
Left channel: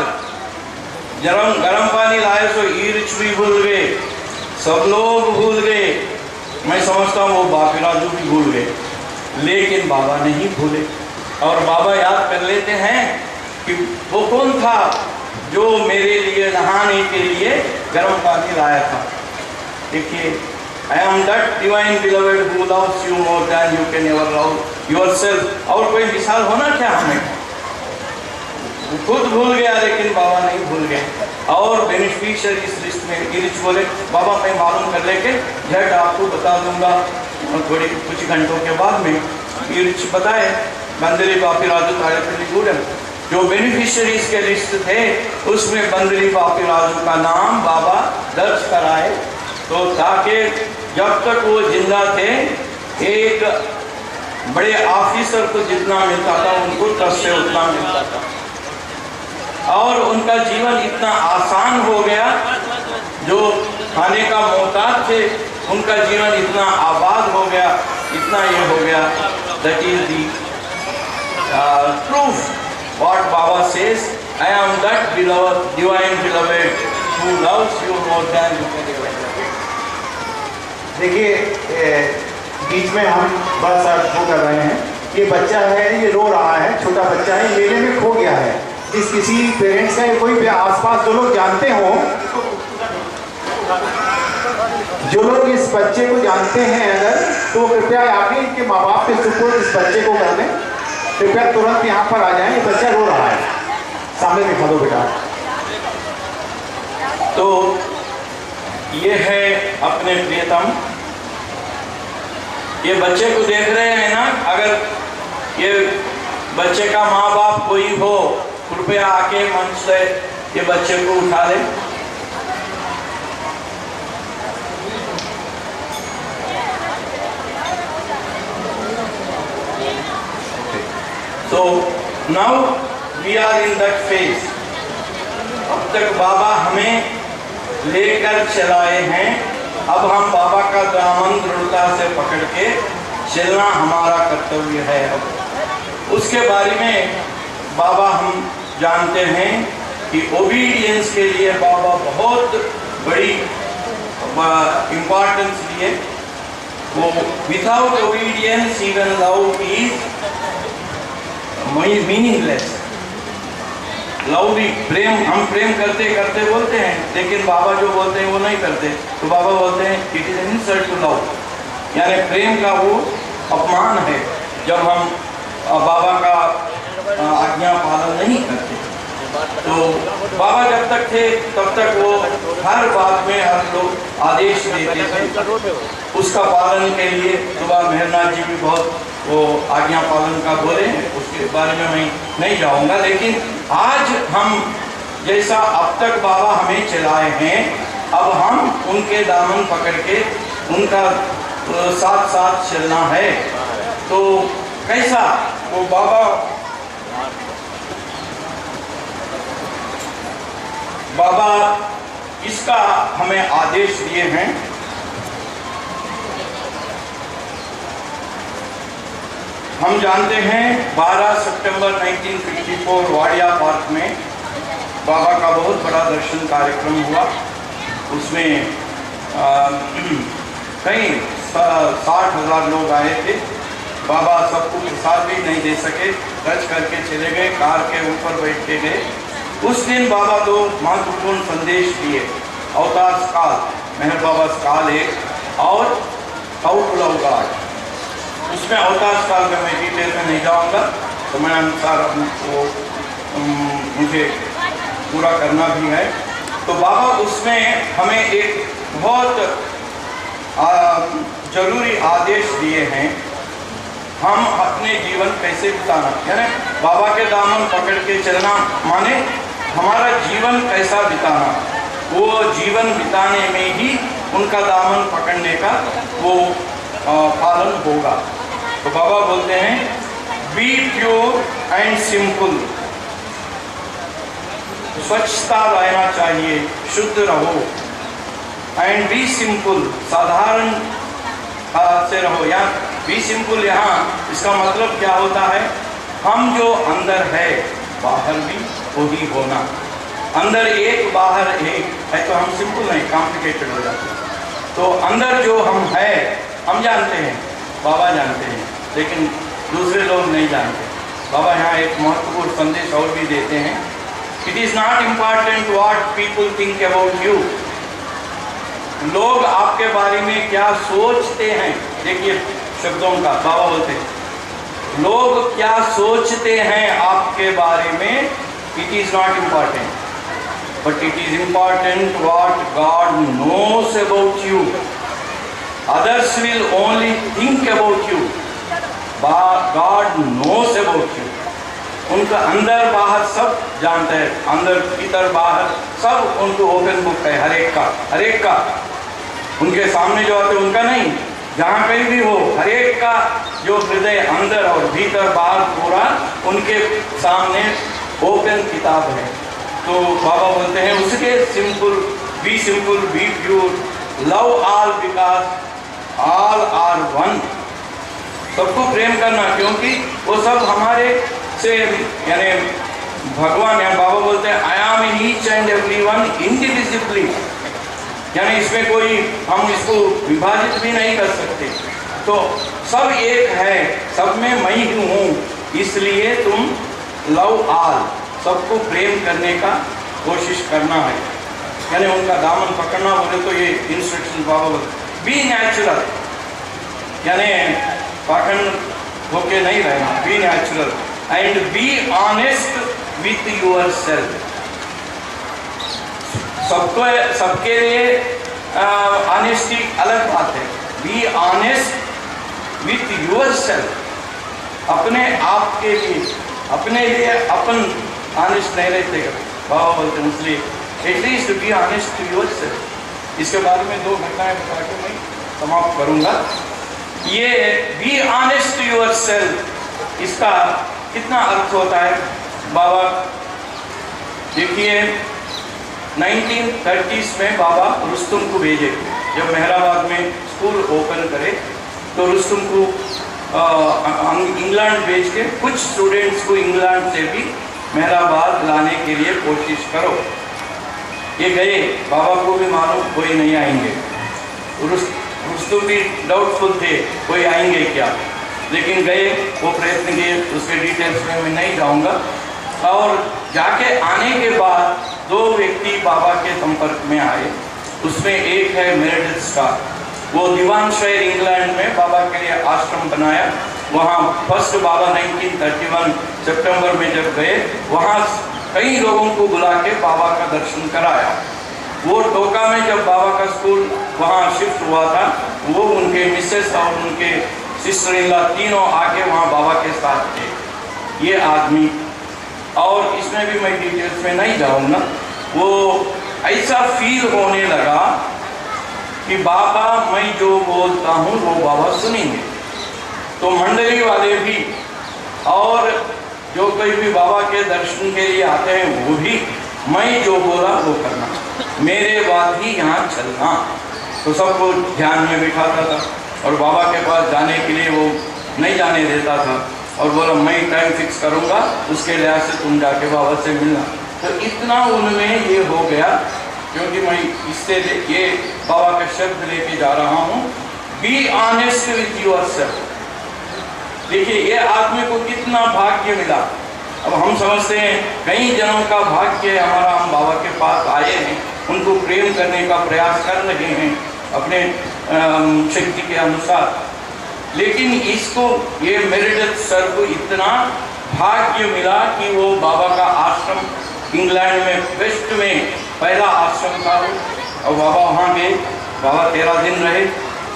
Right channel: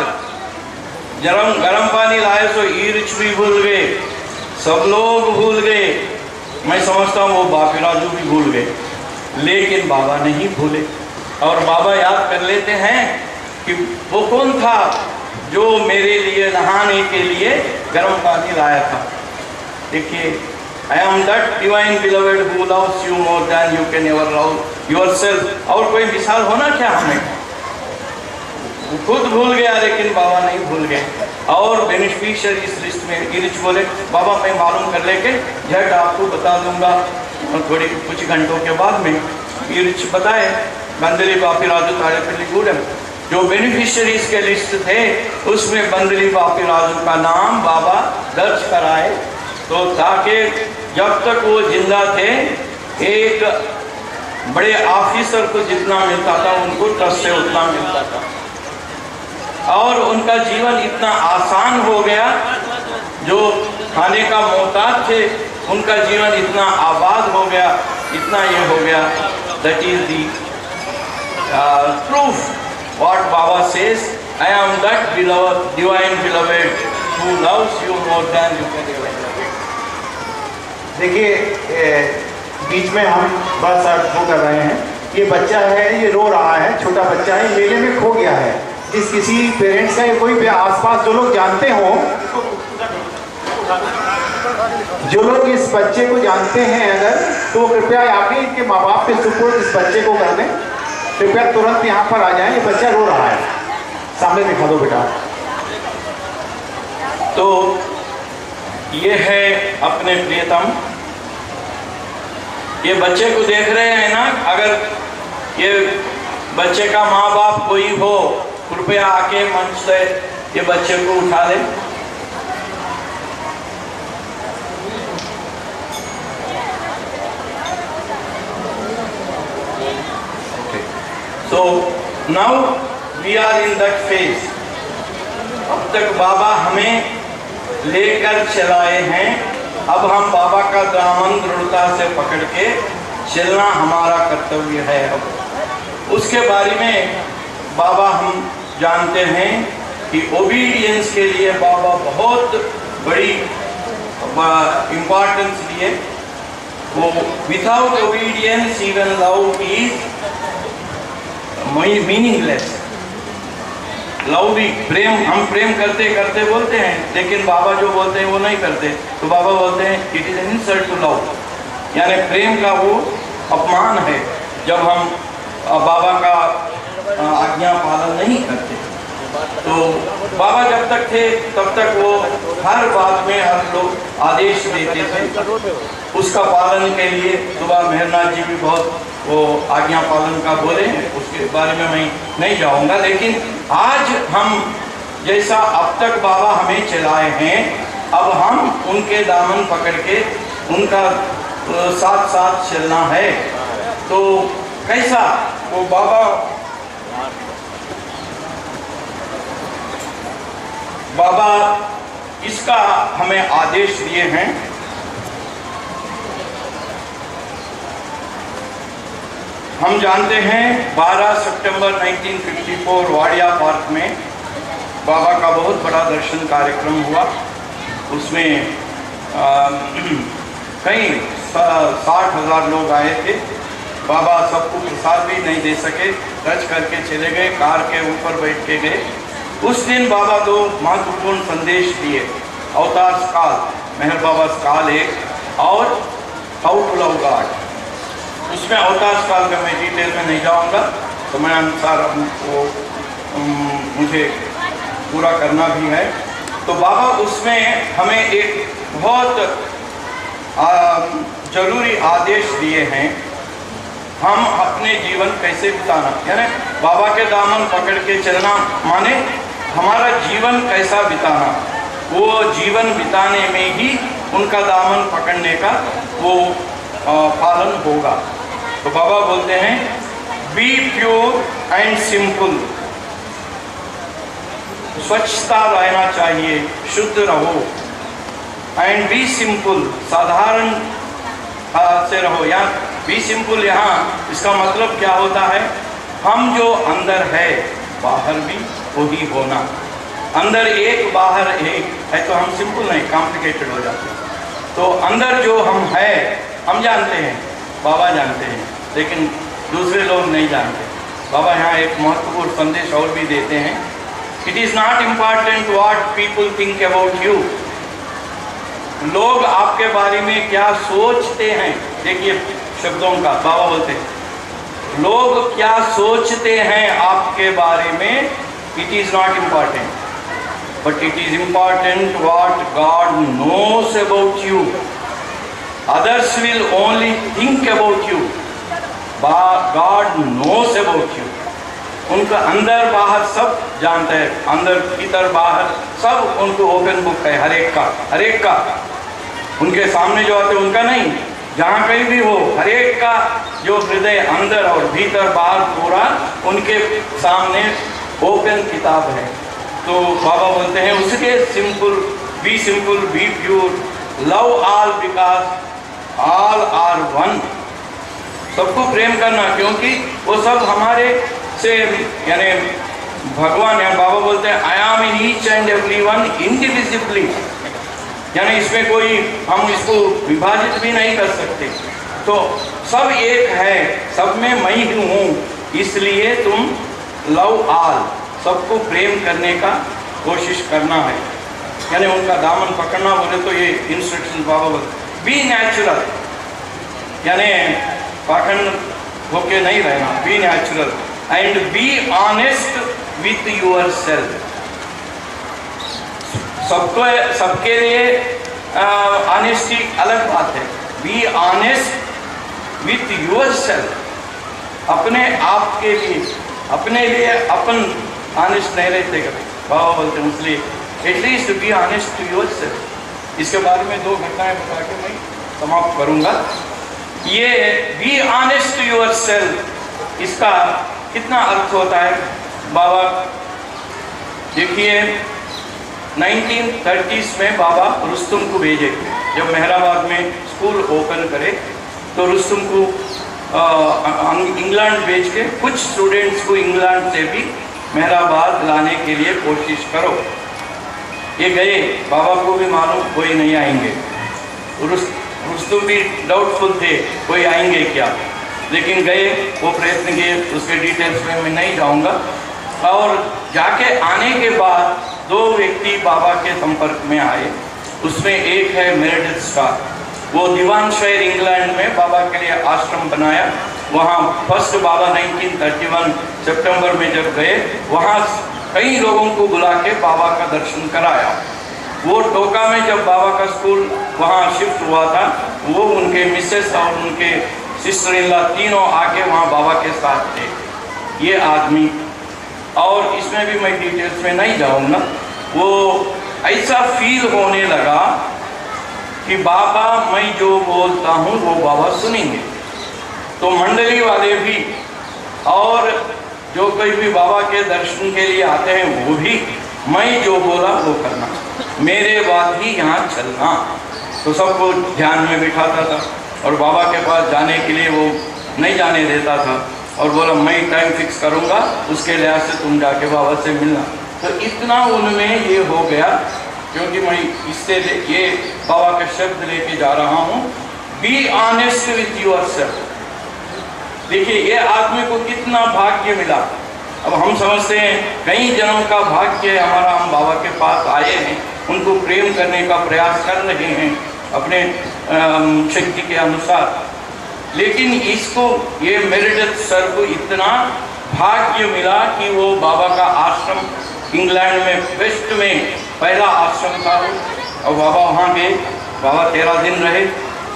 गर्म पानी लाए तो इरिच भी भूल गए, सब लोग भूल गए। मैं समझता हूँ वो बापी राजू भी भूल गए, लेकिन बाबा नहीं भूले। और बाबा याद कर लेते हैं कि वो कौन था जो मेरे लिए नहाने के लिए गर्म पानी लाया था। देखिए, I am that divine beloved who loves you more than you can ever love yourself। और कोई मिसाल होना क्या हमें? खुद भूल गया लेकिन बाबा नहीं भूल गए। और बेनिफिशियरी इस लिस्ट में इरिच बोले, बाबा मैं मालूम कर लेके झट आपको बता दूंगा। और थोड़ी कुछ घंटों के बाद में इरिच बताए, बंदरी बापी राजू ताड़ेपल्ली गूडम जो बेनिफिशियरीज के लिस्ट थे उसमें बंदरी बापी राजू का नाम बाबा दर्ज कराए। तो ताकि जब तक वो जिंदा थे एक बड़े ऑफिसर को जितना मिलता था उनको ट्रस्ट से उतना मिलता था, और उनका जीवन इतना आसान हो गया। जो खाने का मोहताज थे उनका जीवन इतना आबाद हो गया, इतना ये हो गया। That is the proof what Baba says, I am that beloved divine beloved who loves you more than you can ever. देखिए बीच में हम बस वो कर रहे हैं, ये बच्चा है, ये रो रहा है, छोटा बच्चा है, मेले में खो गया है। जिस किसी पेरेंट्स का कोई भी आसपास जो लोग जानते हो, जो लोग इस बच्चे को जानते हैं अगर, तो कृपया आके इनके माँ बाप के सुपुर्द इस बच्चे को कर दें। कृपया तुरंत यहाँ पर आ जाएं, ये बच्चा रो रहा है, सामने दिखा दो बेटा। तो ये है अपने प्रियतम, ये बच्चे को देख रहे हैं ना, अगर ये बच्चे का माँ बाप कोई हो कृपया आके मंच से ये बच्चे को उठा ले। So now we are in that phase। अब तक बाबा हमें लेकर चलाए हैं, अब हम बाबा का दामन दृढ़ता से पकड़ के चलना हमारा कर्तव्य है। अब उसके बारे में बाबा हम जानते हैं कि ओबीडियंस के लिए बाबा बहुत बड़ी इम्पोर्टेंस दिए। वो without obedience even love is meaningless. Love भी प्रेम, हम प्रेम करते करते बोलते हैं, लेकिन बाबा जो बोलते हैं वो नहीं करते। तो बाबा बोलते हैं it is an insult to love, यानी प्रेम का वो अपमान है जब हम बाबा का आज्ञा पालन नहीं करते। तो बाबा जब तक थे तब तक वो हर बात में हर लोग आदेश देते थे, उसका पालन के लिए सुबह मेहरनाथ जी भी बहुत वो आज्ञा पालन का बोले, उसके बारे में मैं नहीं जाऊंगा। लेकिन आज हम जैसा अब तक बाबा हमें चलाए हैं, अब हम उनके दामन पकड़ के उनका साथ साथ चलना है। तो कैसा वो बाबा इसका हमें आदेश दिए हैं। हम जानते हैं 12 सितंबर 1954 वाडिया पार्क में बाबा का बहुत बड़ा दर्शन कार्यक्रम हुआ। उसमें कई 60,000 लोग आए थे। बाबा सबको प्रसाद भी नहीं दे सके, टच करके चले गए, कार के ऊपर बैठ के गए। उस दिन बाबा दो महत्वपूर्ण संदेश दिए, अवतार काल, मेहर बाबा काल एक, और हाउ टू लव गॉड। उसमें अवतार काल का मैं डिटेल में नहीं जाऊंगा, तो मैं अनुसार वो मुझे पूरा करना भी है। तो बाबा उसमें हमें एक बहुत जरूरी आदेश दिए हैं, हम अपने जीवन कैसे बिताना। यानी बाबा के दामन पकड़ के चलना माने हमारा जीवन कैसा बिताना, वो जीवन बिताने में ही उनका दामन पकड़ने का वो पालन होगा। तो बाबा बोलते हैं बी प्योर एंड सिंपल, स्वच्छता रहना चाहिए, शुद्ध रहो। एंड बी सिंपल, साधारण से रहो। या बी सिंपल, यहाँ इसका मतलब क्या होता है, हम जो अंदर है बाहर भी वही होना। अंदर एक बाहर एक है तो हम सिंपल नहीं, कॉम्प्लिकेटेड हो जाते हैं। तो अंदर जो हम है हम जानते हैं, बाबा जानते हैं, लेकिन दूसरे लोग नहीं जानते। बाबा यहाँ एक महत्वपूर्ण संदेश और भी देते हैं, it is not important what people think about you. लोग आपके बारे में क्या सोचते हैं, देखिए शब्दों का, बाबा बोलते हैं लोग क्या सोचते हैं आपके बारे में, it is not important, but it is important what God knows about you. Others will only think about you, God knows about you. उनका अंदर बाहर सब जानते हैं, अंदर भीतर बाहर सब उनको ओपन बुक है, हर एक का उनके सामने जो आते उनका नहीं, जहाँ कहीं भी हो हर एक का जो हृदय अंदर और भीतर बाहर पूरा उनके सामने ओपन किताब है। तो बाबा बोलते हैं उसके simple, be pure, love all because all are one. सबको प्रेम करना, क्योंकि वो सब हमारे से, यानी भगवान है। बाबा बोलते हैं I am in each and every one indivisibly, यानी इसमें कोई हम इसको विभाजित भी नहीं कर सकते। तो सब एक है, सब में मैं ही हूँ, इसलिए तुम लव ऑल, सबको प्रेम करने का कोशिश करना है, यानी उनका दामन पकड़ना। बोले तो ये इंस्ट्रक्शन बाबा बोलते बी नेचुरल, यानी पाखंड होके नहीं रहना, be natural and be honest with yourself. सबके लिए ऑनेस्टी अलग बात है, be honest with yourself. अपने आप के लिए, अपने लिए अपन ऑनेस्ट नहीं रहते कभी, बाबा बोलते हैं, इसलिए at least be honest to yourself. इसके बारे में 2 घटनाएं बता के मैं समाप्त करूंगा। ये be honest to yourself, इसका कितना अर्थ होता है बाबा देखिए। 1930s में बाबा रुस्तुम को भेजे, जब मेहराबाद में स्कूल ओपन करे तो रुस्तुम को इंग्लैंड भेज के कुछ स्टूडेंट्स को इंग्लैंड से भी मेहराबाद लाने के लिए कोशिश करो। ये गए, बाबा को भी मालूम कोई नहीं आएंगे, रुस्तुम भी डाउटफुल थे कोई आएंगे क्या, लेकिन गए, वो प्रयत्न किए, उसके डिटेल्स में मैं नहीं जाऊंगा। और जाके आने के बाद 2 व्यक्ति बाबा के संपर्क में आए, उसमें एक है मेरेडिथ स्टार, वो दीवानशहर इंग्लैंड में बाबा के लिए आश्रम बनाया। वहाँ फर्स्ट बाबा 1931 सितंबर में जब गए, वहाँ कई लोगों को बुला के बाबा का दर्शन कराया। वो टोका में जब बाबा का स्कूल वहाँ शिफ्ट हुआ था, वो उनके मिसेस और उनके सिस्टर इन लॉ तीनों आके वहाँ बाबा के साथ थे। ये आदमी, और इसमें भी मैं डिटेल्स में नहीं जाऊँगा, वो ऐसा फील होने लगा कि बाबा मैं जो बोलता हूँ वो बाबा सुनेंगे। तो मंडली वाले भी और जो कोई भी बाबा के दर्शन के लिए आते हैं वो भी मैं जो बोला वो करना, मेरे बाद ही यहाँ चलना। तो सबको ध्यान में बिठाता था और बाबा के पास जाने के लिए वो नहीं जाने देता था और बोला मैं टाइम फिक्स करूँगा, उसके लिहाज से तुम जाके बाबा से मिलना। तो इतना उनमें ये हो गया, क्योंकि मैं इससे ये बाबा का शब्द लेके जा रहा हूँ, be honest with yourself. देखिए ये आदमी को कितना भाग्य मिला। अब हम समझते हैं कई जनों का भाग्य है हमारा, हम बाबा के पास आए हैं, उनको प्रेम करने का प्रयास कर रहे हैं अपने शक्ति के अनुसार, लेकिन इसको ये मेरेडिथ सर को इतना भाग्य मिला कि वो बाबा का आश्रम इंग्लैंड में वेस्ट में पहला आश्रम था और बाबा वहाँ गए, बाबा 13 दिन रहे,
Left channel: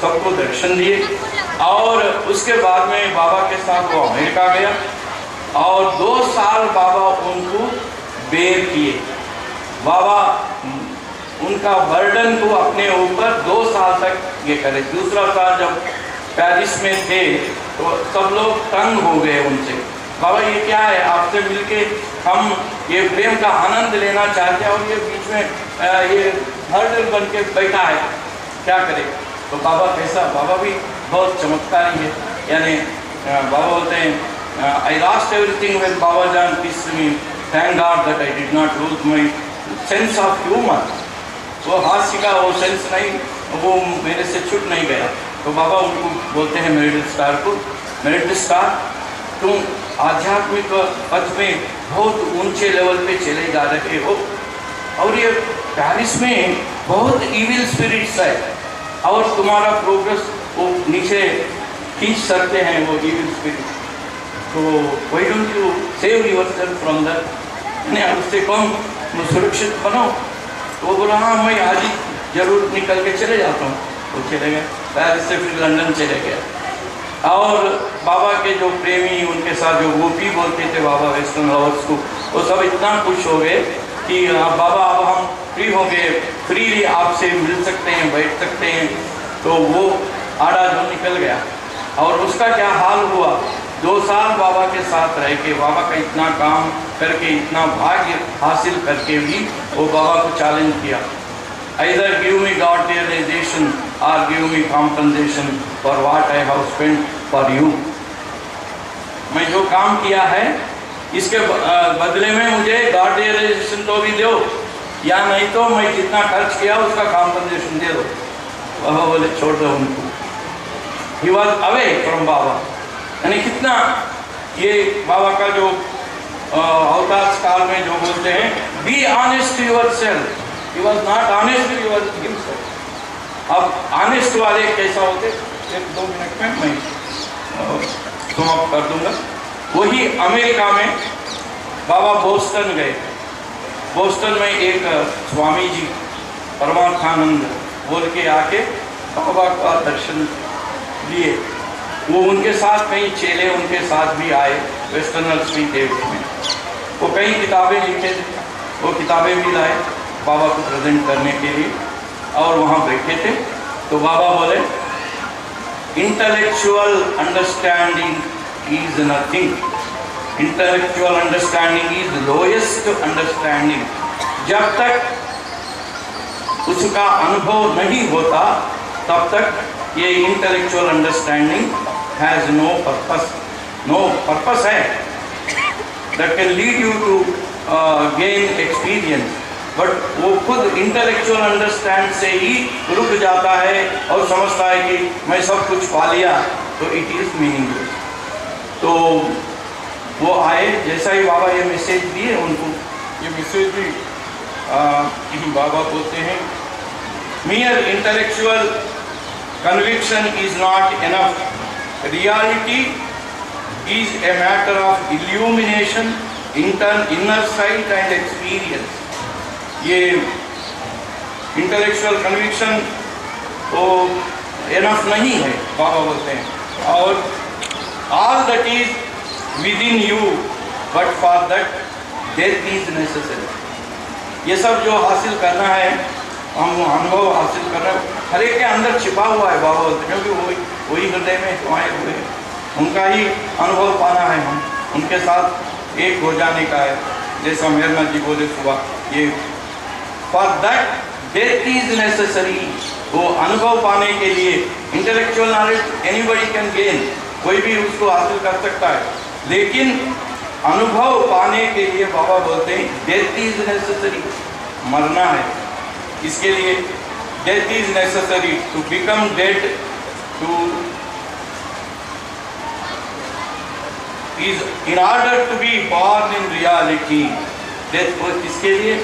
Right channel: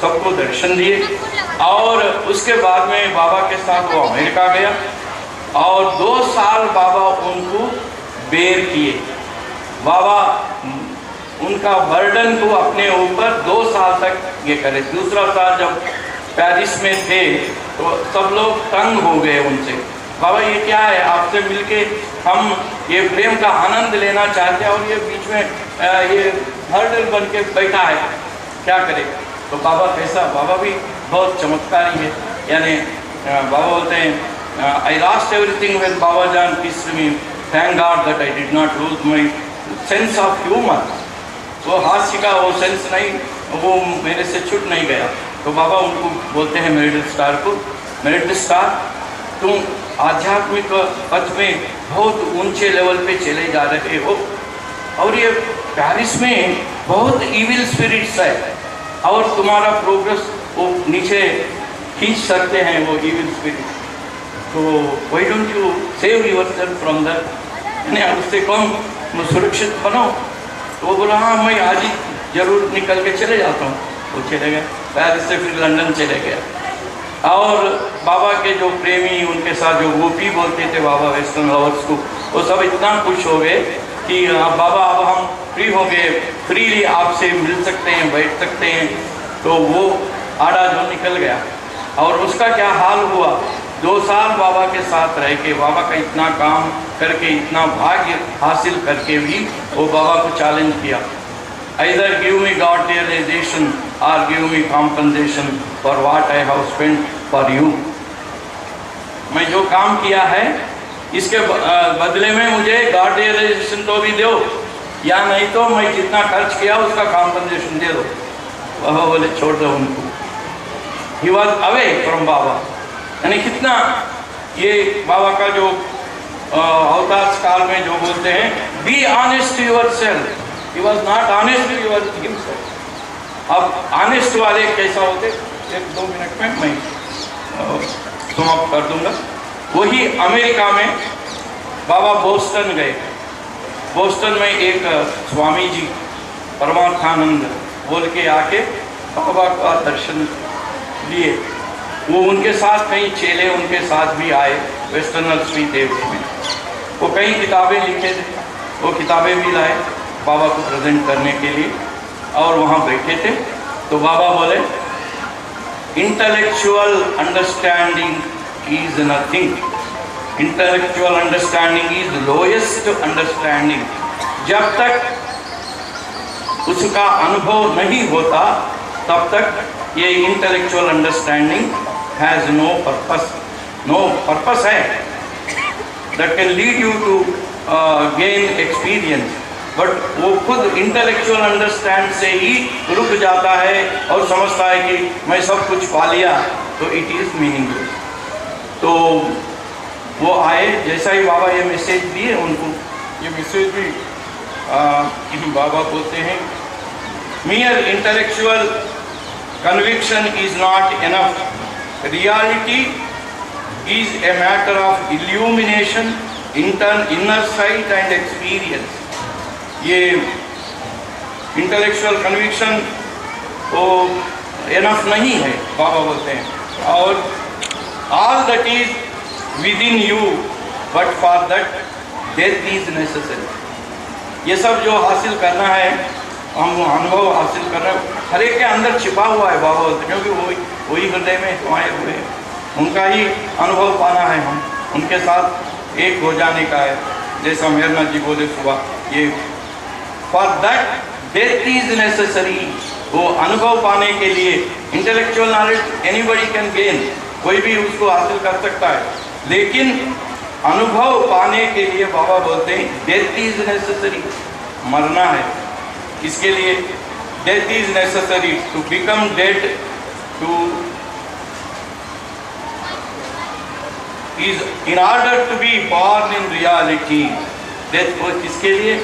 सबको दर्शन दिए और उसके बाद में बाबा के साथ वो अमेरिका गया और 2 साल बाबा उनको बेर किए। बाबा उनका बर्डन को अपने ऊपर 2 साल तक ये करे। दूसरा साल जब पेरिस में थे तो सब लोग तंग हो गए उनसे, बाबा ये क्या है, आपसे मिलके हम ये प्रेम का आनंद लेना चाहते हैं और ये बीच में ये हर्डल बन के बैठा है, क्या करें। तो बाबा कैसा, बाबा भी बहुत चमत्कारी है। यानी बाबा बोलते हैं I lost everything when Baba जान kiss me, thank God that I did not lose my sense of humour. वो हास्य का वो सेंस नहीं, वो मेरे से छूट नहीं गया। तो बाबा उनको बोलते हैं मेरिट स्टार को, मेरिट स्टार तुम आध्यात्मिक पथ में बहुत ऊंचे लेवल पे चले जा रहे हो और ये पेरिस में बहुत इविल स्पिरिट्स है और तुम्हारा प्रोग्रेस वो नीचे खींच सकते हैं वो इविल स्पिरिट। तो why don't you save yourself from that, उससे कम सुरक्षित बनो। तो वो बोला हाँ मैं आज ही जरूर निकल के चले जाता हूँ। वो चले गए पेरिस से, फिर लंदन चले गए। और बाबा के जो प्रेमी, उनके साथ जो गोपी बोलते थे बाबा वेस्टर्न लवर्स को, वो सब इतना खुश हो गए कि बाबा अब हम फ्री हो गए, फ्रीली आपसे मिल सकते हैं, बैठ सकते हैं। तो वो आड़ा जो निकल गया और उसका क्या हाल हुआ, 2 साल बाबा के साथ रह के, बाबा का इतना काम करके, इतना भाग्य हासिल करके भी वो बाबा को चैलेंज किया, either give me God realization or give me compensation for what I have spent for you। मैं जो काम किया है इसके बदले में मुझे गॉड रियलाइजेशन तो भी दो, या नहीं तो मैं जितना खर्च किया उसका कॉम्पनसेशन दे दो। बाबा बोले छोड़ दो उनको। ही वॉज अवे फ्रॉम बाबा। यानी कितना ये बाबा का जो अवतार काल में जो बोलते हैं be honest your self, he was not honest, he was himself. अब ऑनेस्ट वाले कैसा होते, 1-2 मिनट में मैं समाप्त कर दूंगा। वही अमेरिका में बाबा बोस्टन गए। बोस्टन में एक स्वामी जी परमार्थानंद बोल के आके बाबा का दर्शन लिए। वो उनके साथ कई चेले उनके साथ भी आए, वेस्टर्नर्स भी थे उसमें। वो कई किताबें लिखे थे, वो किताबें भी लाए बाबा को प्रेजेंट करने के लिए और वहाँ बैठे थे। तो बाबा बोले intellectual understanding is nothing, intellectual understanding is lowest understanding. जब तक उसका अनुभव नहीं होता तब तक ये intellectual understanding has no purpose. No purpose है that can lead you to gain experience, but वो खुद इंटेलेक्चुअल अंडरस्टैंड से ही रुक जाता है और समझता है कि मैं सब कुछ पा लिया, तो इट इज़ मीनिंगलेस। तो वो आए, जैसा ही बाबा ये मैसेज दिए उनको, ये मैसेज भी बाबा बोलते हैं mere intellectual conviction is not enough, reality is a matter of illumination, inner sight and experience। ये इंटेलेक्चुअल कन्विक्शन तो एनफ नहीं है बाबा बोलते हैं, और all that is with in you but for that death is necessary. ये सब जो हासिल करना है, हम अनुभव हासिल कर रहे हैं, हर एक के अंदर छिपा हुआ है बाबा बोलते, क्योंकि वही हृदय में समाये हुए हैं, उनका ही अनुभव पाना है, हम उनके साथ एक हो जाने का है। जैसा मेहरनाथ जी बोले सुबह, ये for that death is necessary. वो अनुभव पाने के लिए intellectual knowledge anybody can gain, कोई भी उसको हासिल कर सकता है, लेकिन अनुभव पाने के लिए बाबा बोलते हैं डेथ इज नेसेसरी, मरना है। इसके लिए death is necessary to become dead, to is in order to be born in reality. Death को किसके लिए?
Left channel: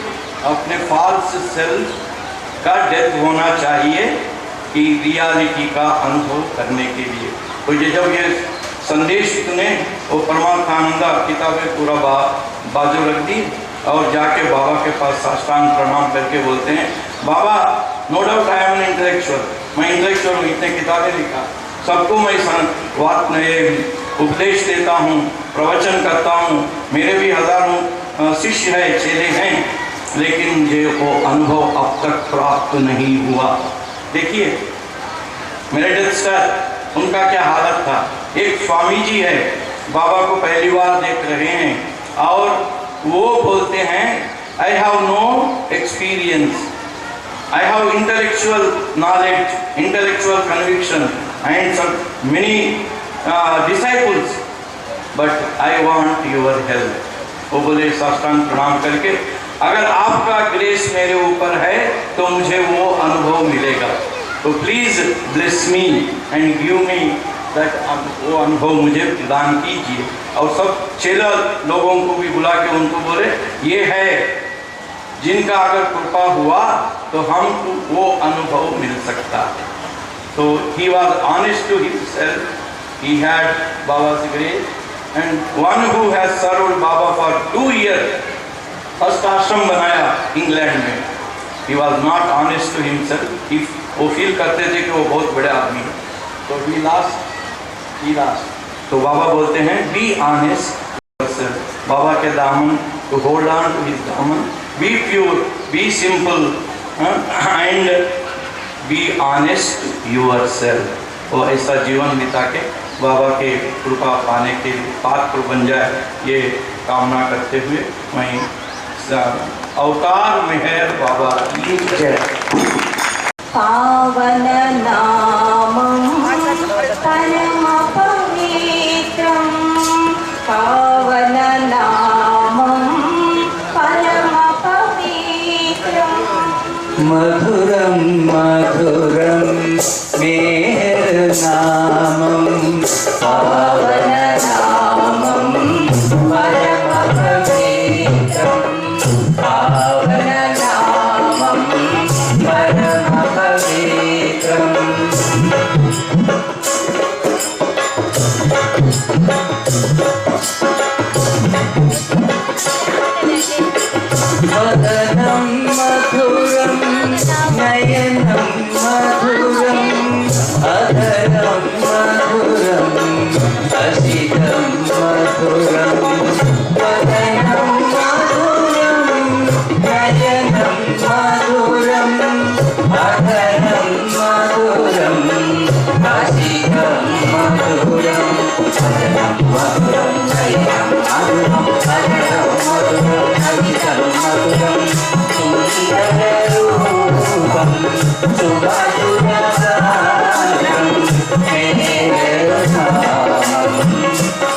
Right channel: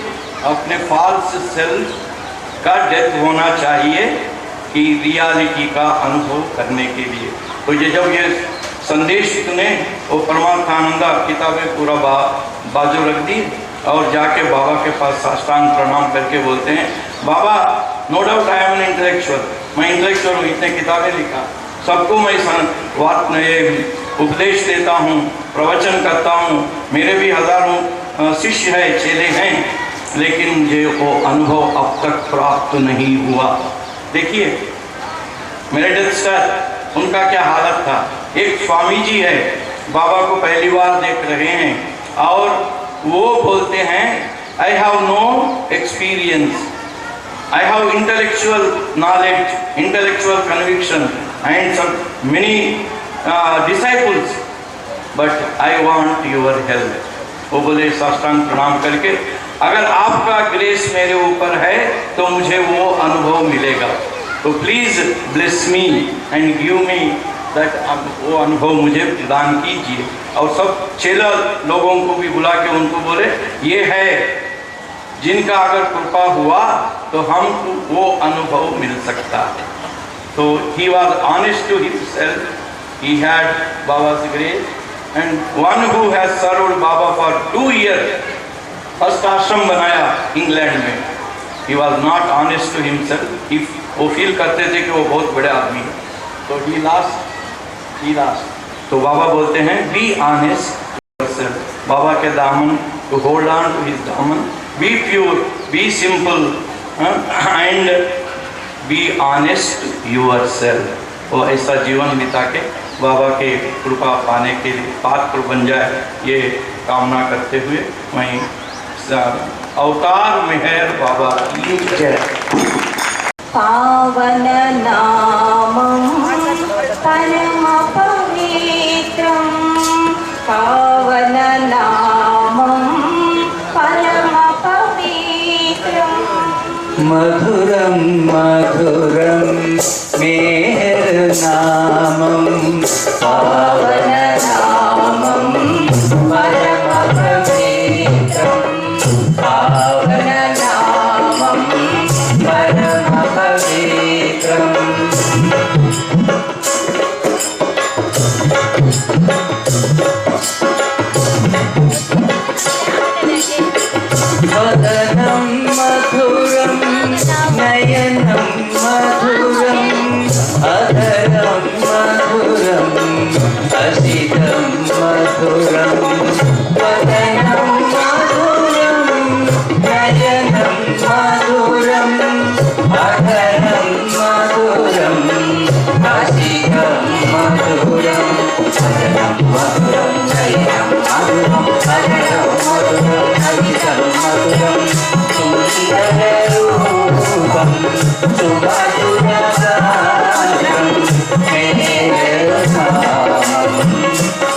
अपने फॉल्स सेल्फ का डेथ होना चाहिए कि रियलिटी का अनुभव करने के लिए। तो ये जब ये संदेश सुने, वो परमार्थानंदा किताबें पूरा बाजू रख दी और जाके बाबा के पास साष्टांग प्रणाम करके बोलते हैं, Baba no doubt I am an intellectual, मैं इंटेलेक्चुअल हूँ, इतने किताबें लिखा, सबको मैं उपदेश देता हूँ, प्रवचन करता हूँ, मेरे भी हज़ारों शिष्य है, चेले हैं, लेकिन मुझे वो अनुभव अब तक प्राप्त नहीं हुआ। देखिए मेरे सर उनका क्या हालत था। एक स्वामी जी है, बाबा को पहली बार देख रहे हैं और वो बोलते हैं I have no experience, I have intellectual knowledge, intellectual conviction and some many disciples, but I want your help। वो बोले साष्टांग प्रणाम करके, अगर आपका ग्रेस मेरे ऊपर है तो मुझे वो अनुभव मिलेगा, तो please bless me and give me that, वो अनुभव मुझे प्रदान कीजिए। और सब चेला लोगों को भी बुला के उनको बोले ये है जिनका अगर कृपा हुआ तो हमको वो अनुभव मिल सकता है। तो he was honest to himself, he had Baba's grace, and one who has served Baba for 2 years, first ashram बनाया इंग्लैंड में, he was not honest to himself. वो फील करते थे कि वो बहुत बड़े आदमी हैं, तो ही लास्ट। तो बाबा बोलते हैं बी ऑनेस्ट, बाबा के दामन, to hold on to his दामन, be pure, be simple, and be honest yourself। वो ऐसा जीवन बिता के बाबा के कृपा पाने के लिए पात्र बन जाए, ये कामना करते हुए वहीं अवतार मेहर बाबा की जय। पावन नामं परम पवित्रं, पावन नामं परम पवित्रं, मधुरं मधुरं मेहर नामं, पावन नामं परम पवित्रं, पावन नामं परम पवित्रं। वदनं मधुरं नयनं मधुरं, अधरं मधुरं हसितं मधुरं, वदनं मधुरं नयनं मधुरं, अधरं मधुरं हसितं मधुरं, वदनं मधुरं नयनं मधुरं, अधरं मधुरं हसितं मधुरं, सुन्दररूपं सुमधुरगात्रं मेहरनामं,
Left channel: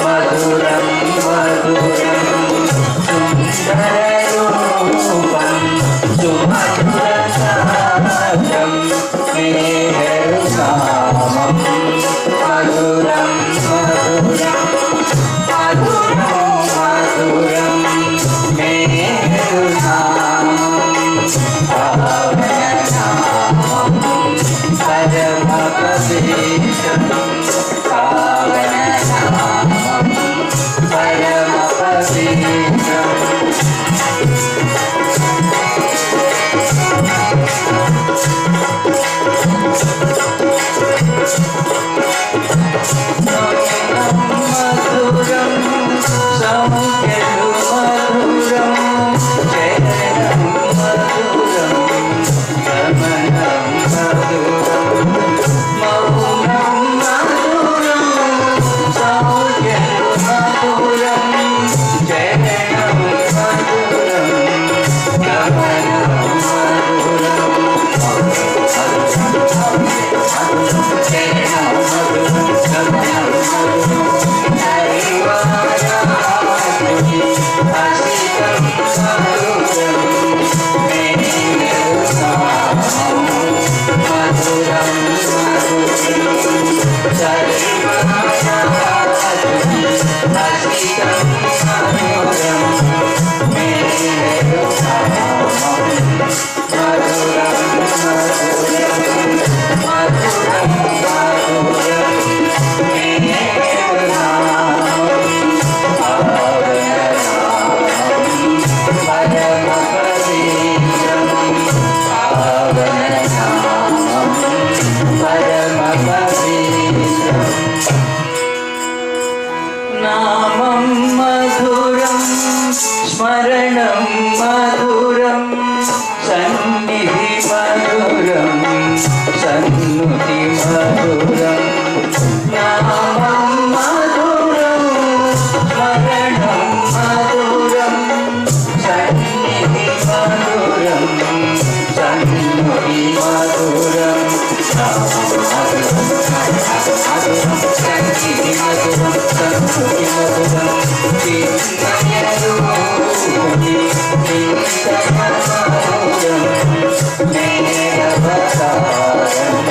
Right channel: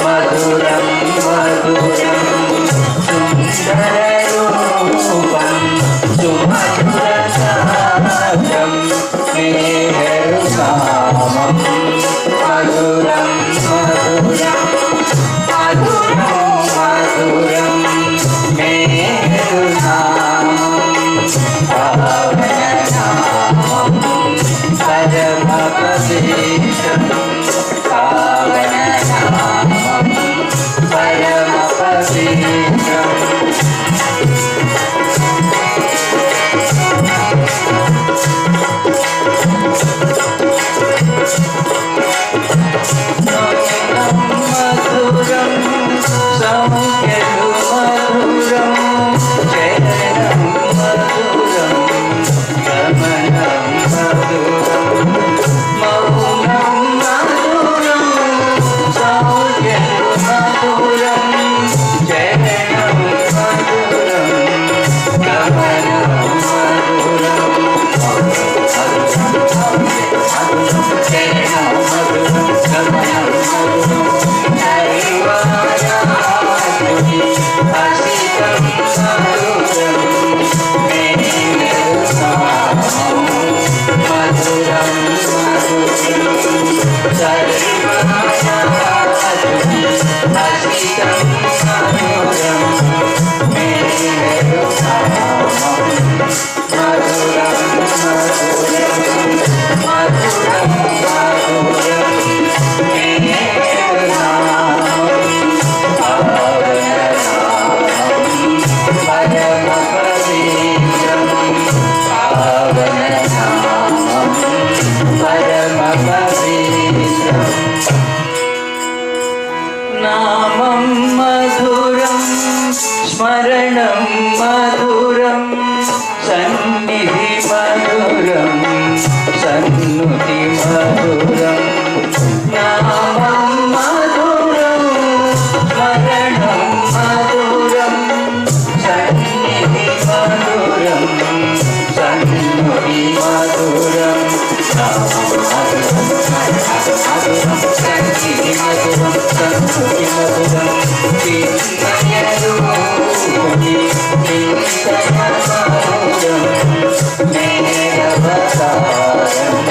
मधुरं मधुरं सुन्दररूपं सुमधुरगात्रं मेहरनामं, मधुरं मधुरं मधुरं मधुरं मेहरनामं, पावननामं परम पवित्रं, पावननामं परम पवित्रं। मधुरं सौख्यं मधुरं, चरणं मधुरं गमनं मधुरं, मौनं मधुरं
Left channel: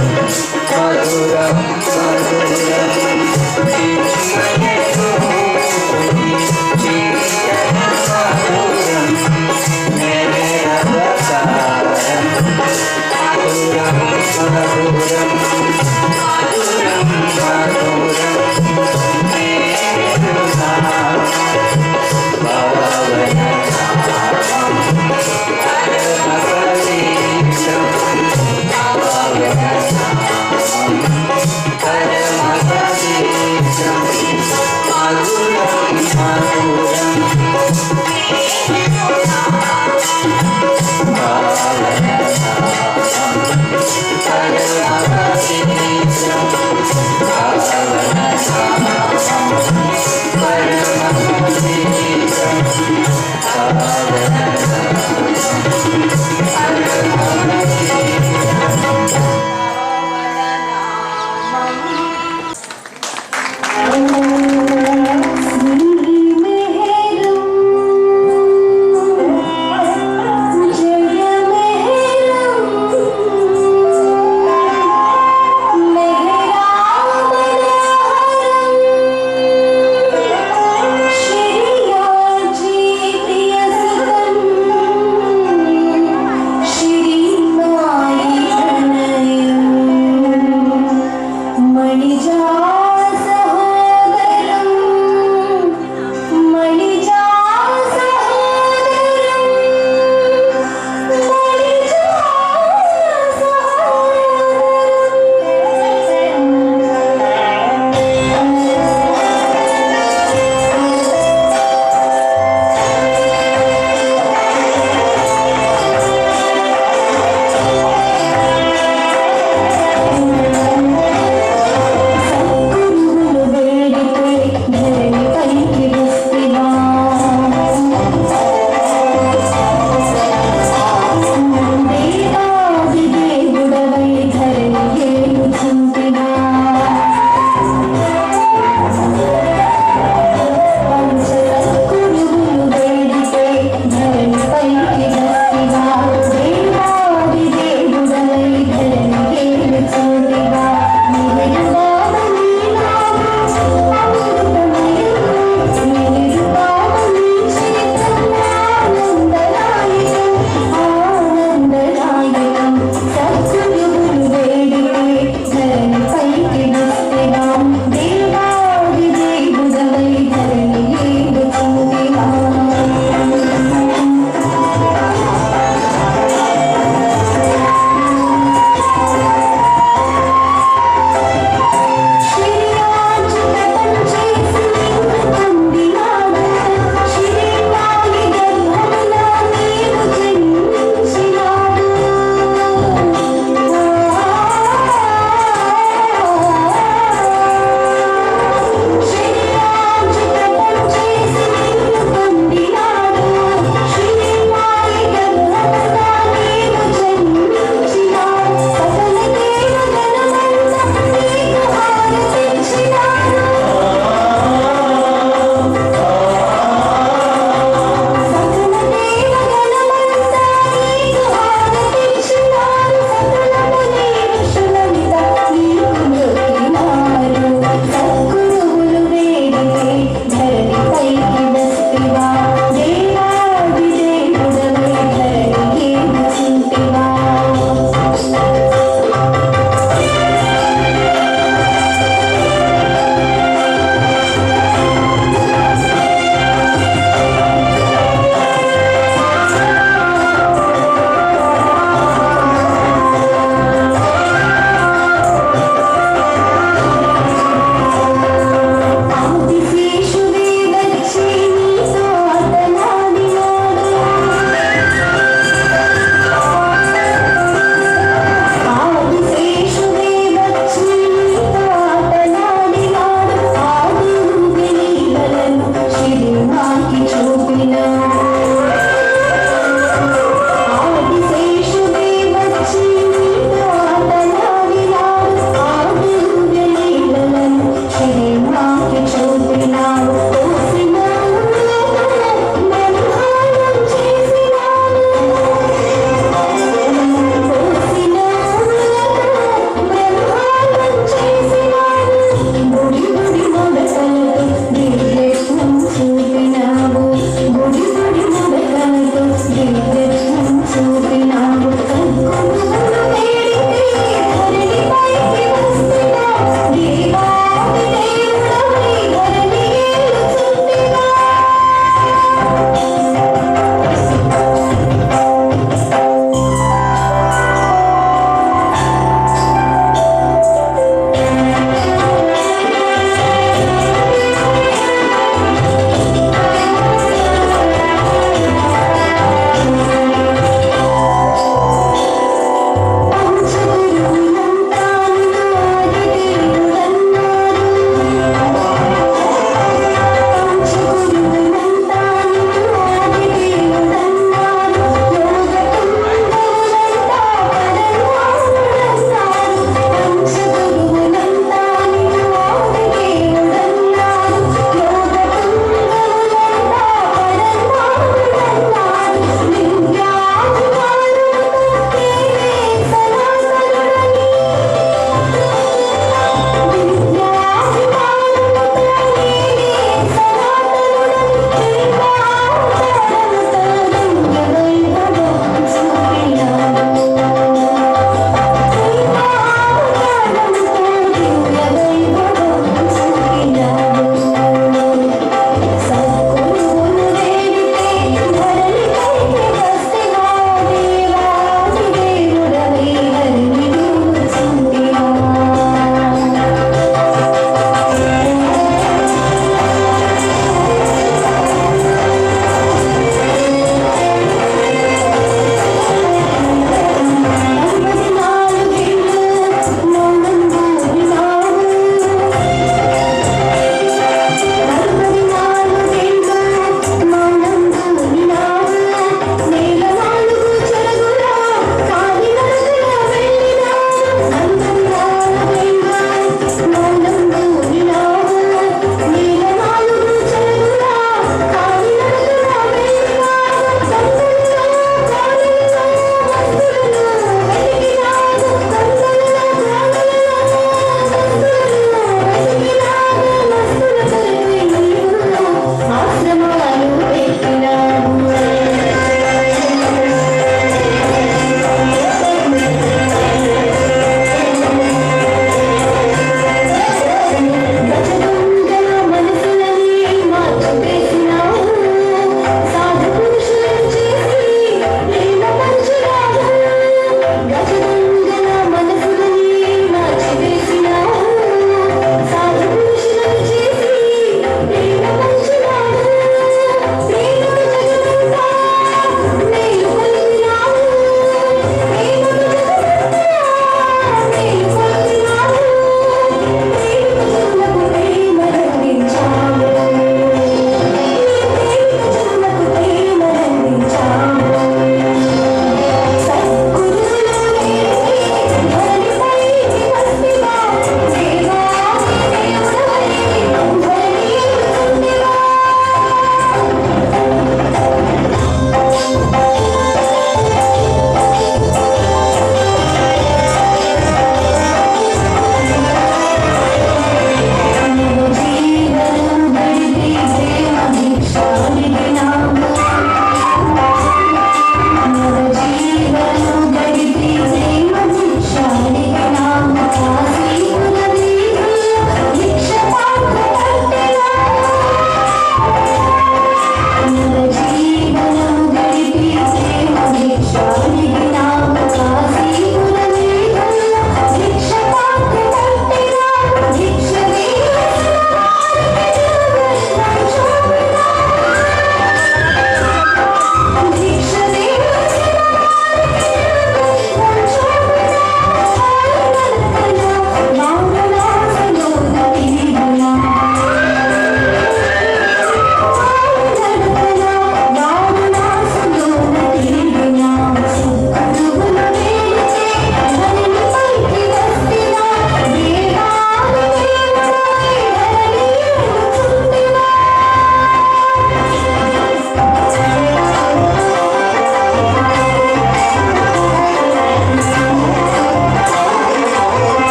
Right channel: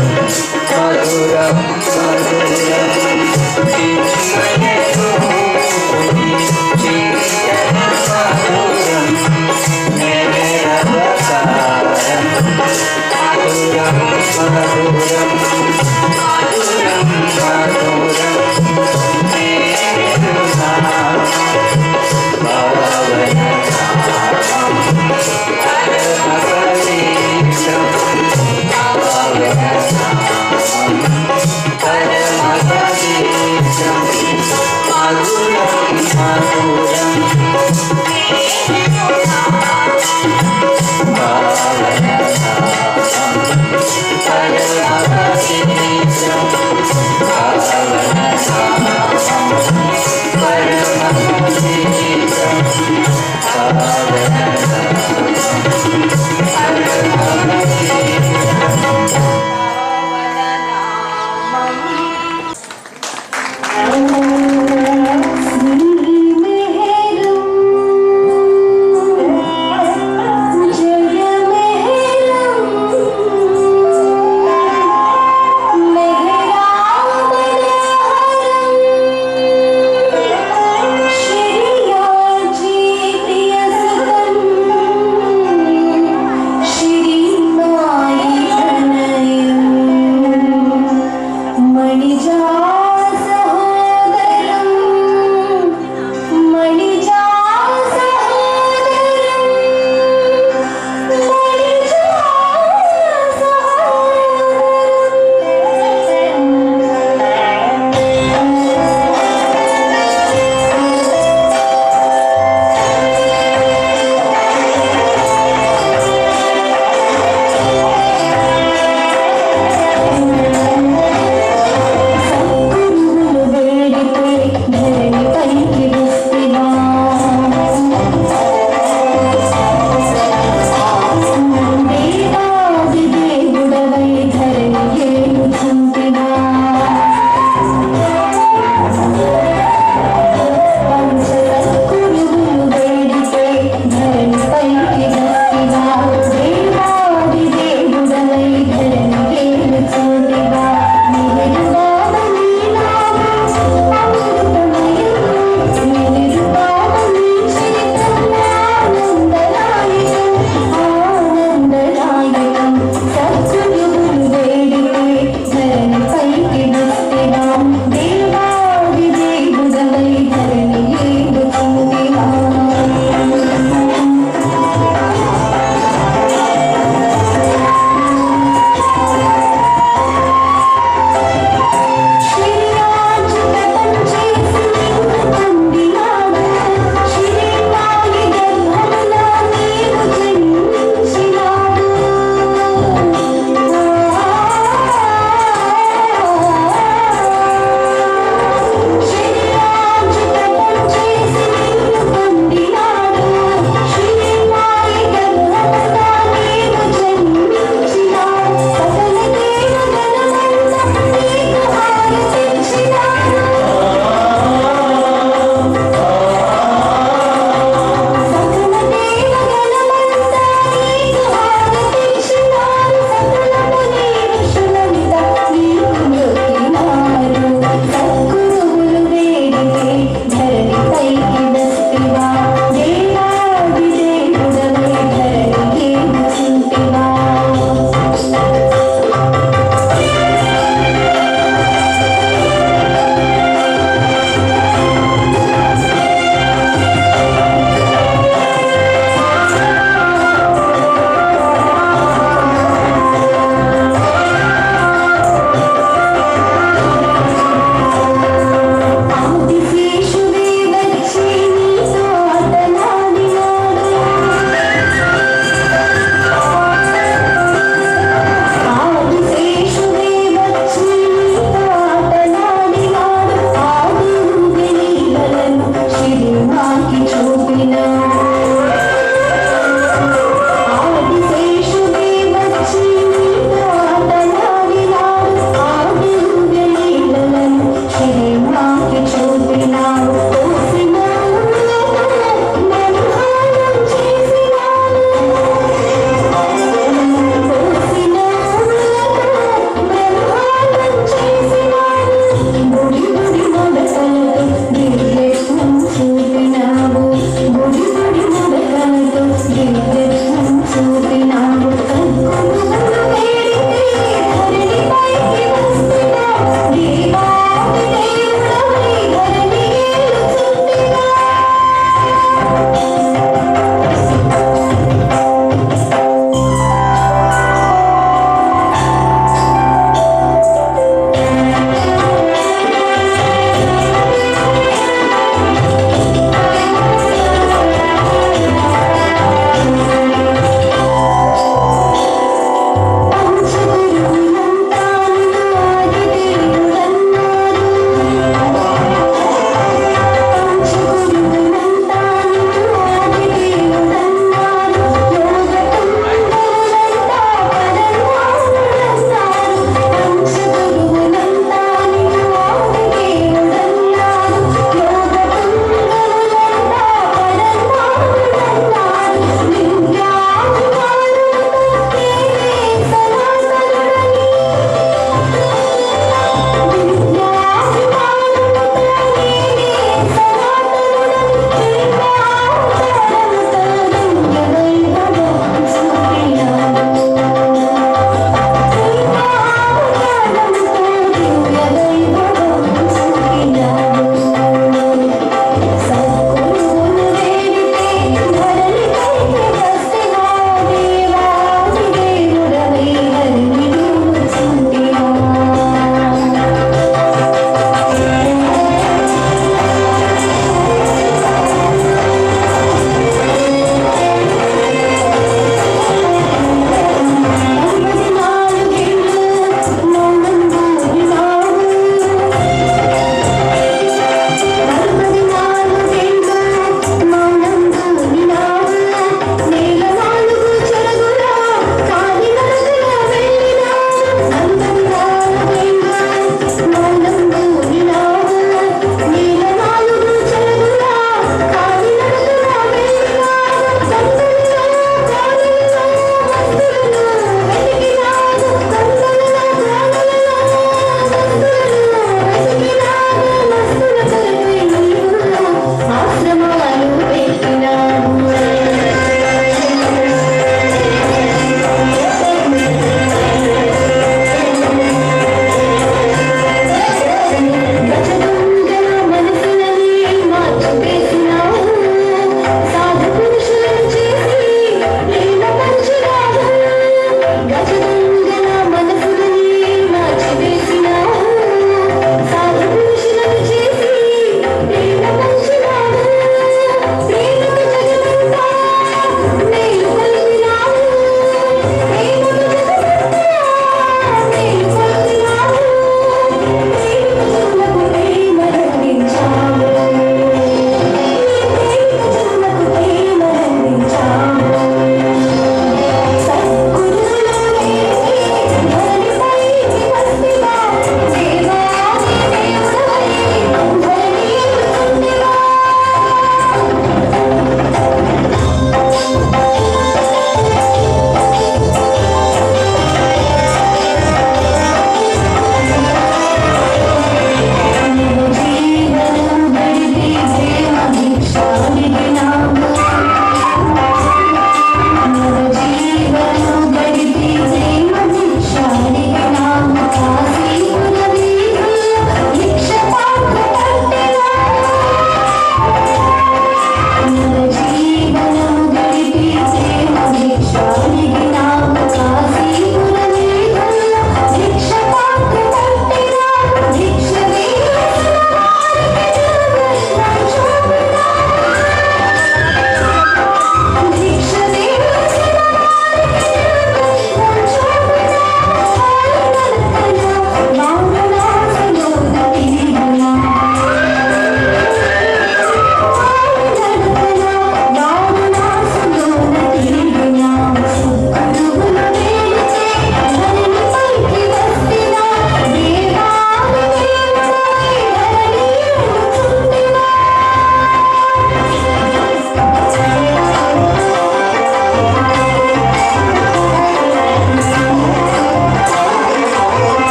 मधुरं मधुरं चिन्मयरूपिणी चिन्तनमधुरं मेरवसारं मधुरं मधुरं मधुरं मधुरं मेरुनामं परमपवित्रं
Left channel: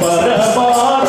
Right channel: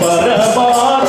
परबा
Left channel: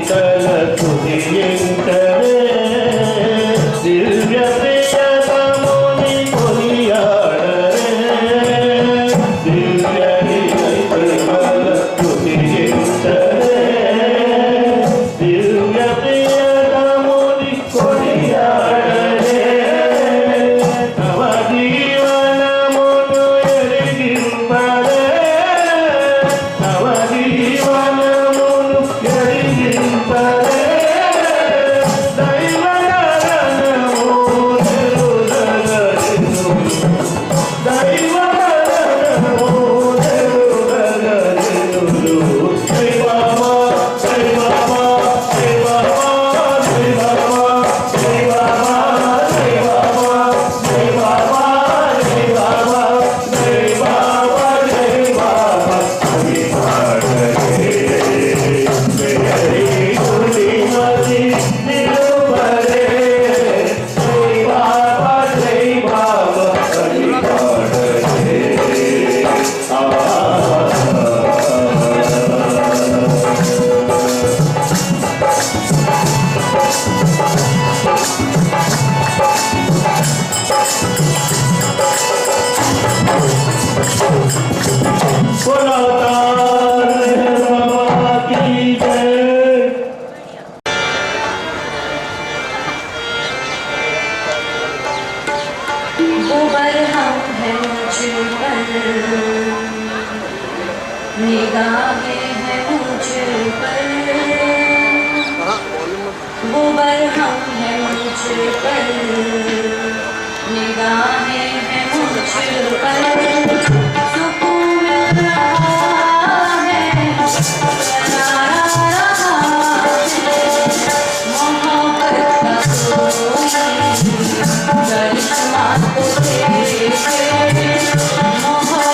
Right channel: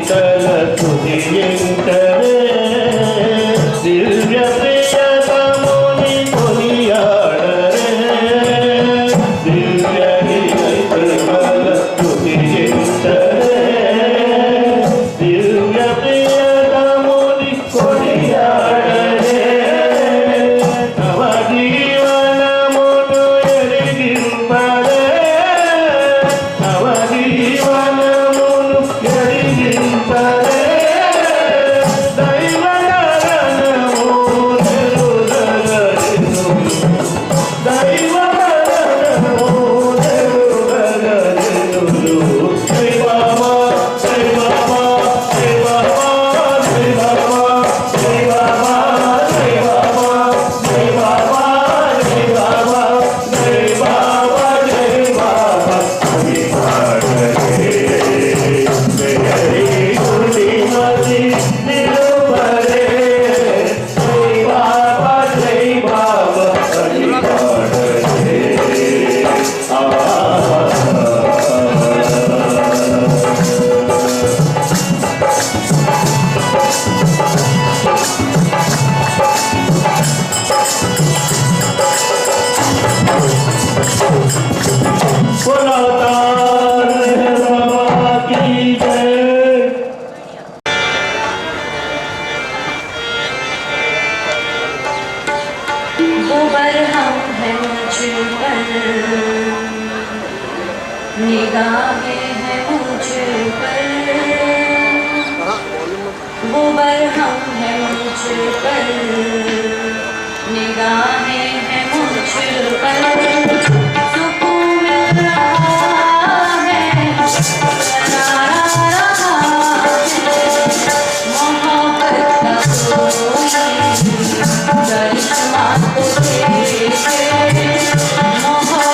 शीतल तुदियंतरे दिव्य प्रियतमुनि कोलियाडरे दिव्य निर्मल तुदियंतरे दिव्य प्रियतमुनि कोलियाडरे नव जीवन मुनु एरिगिंपरे नव जीवन मुनु एरिगिंपरे गोबर हम हैं मुझ पर निगाहें हैं मुझ पर गोबर हम हैं मुझ पर निगाहें हैं मुझ पर सुकून मिल रहा है मोहब्बत का करिश्मा तो मोहब्बत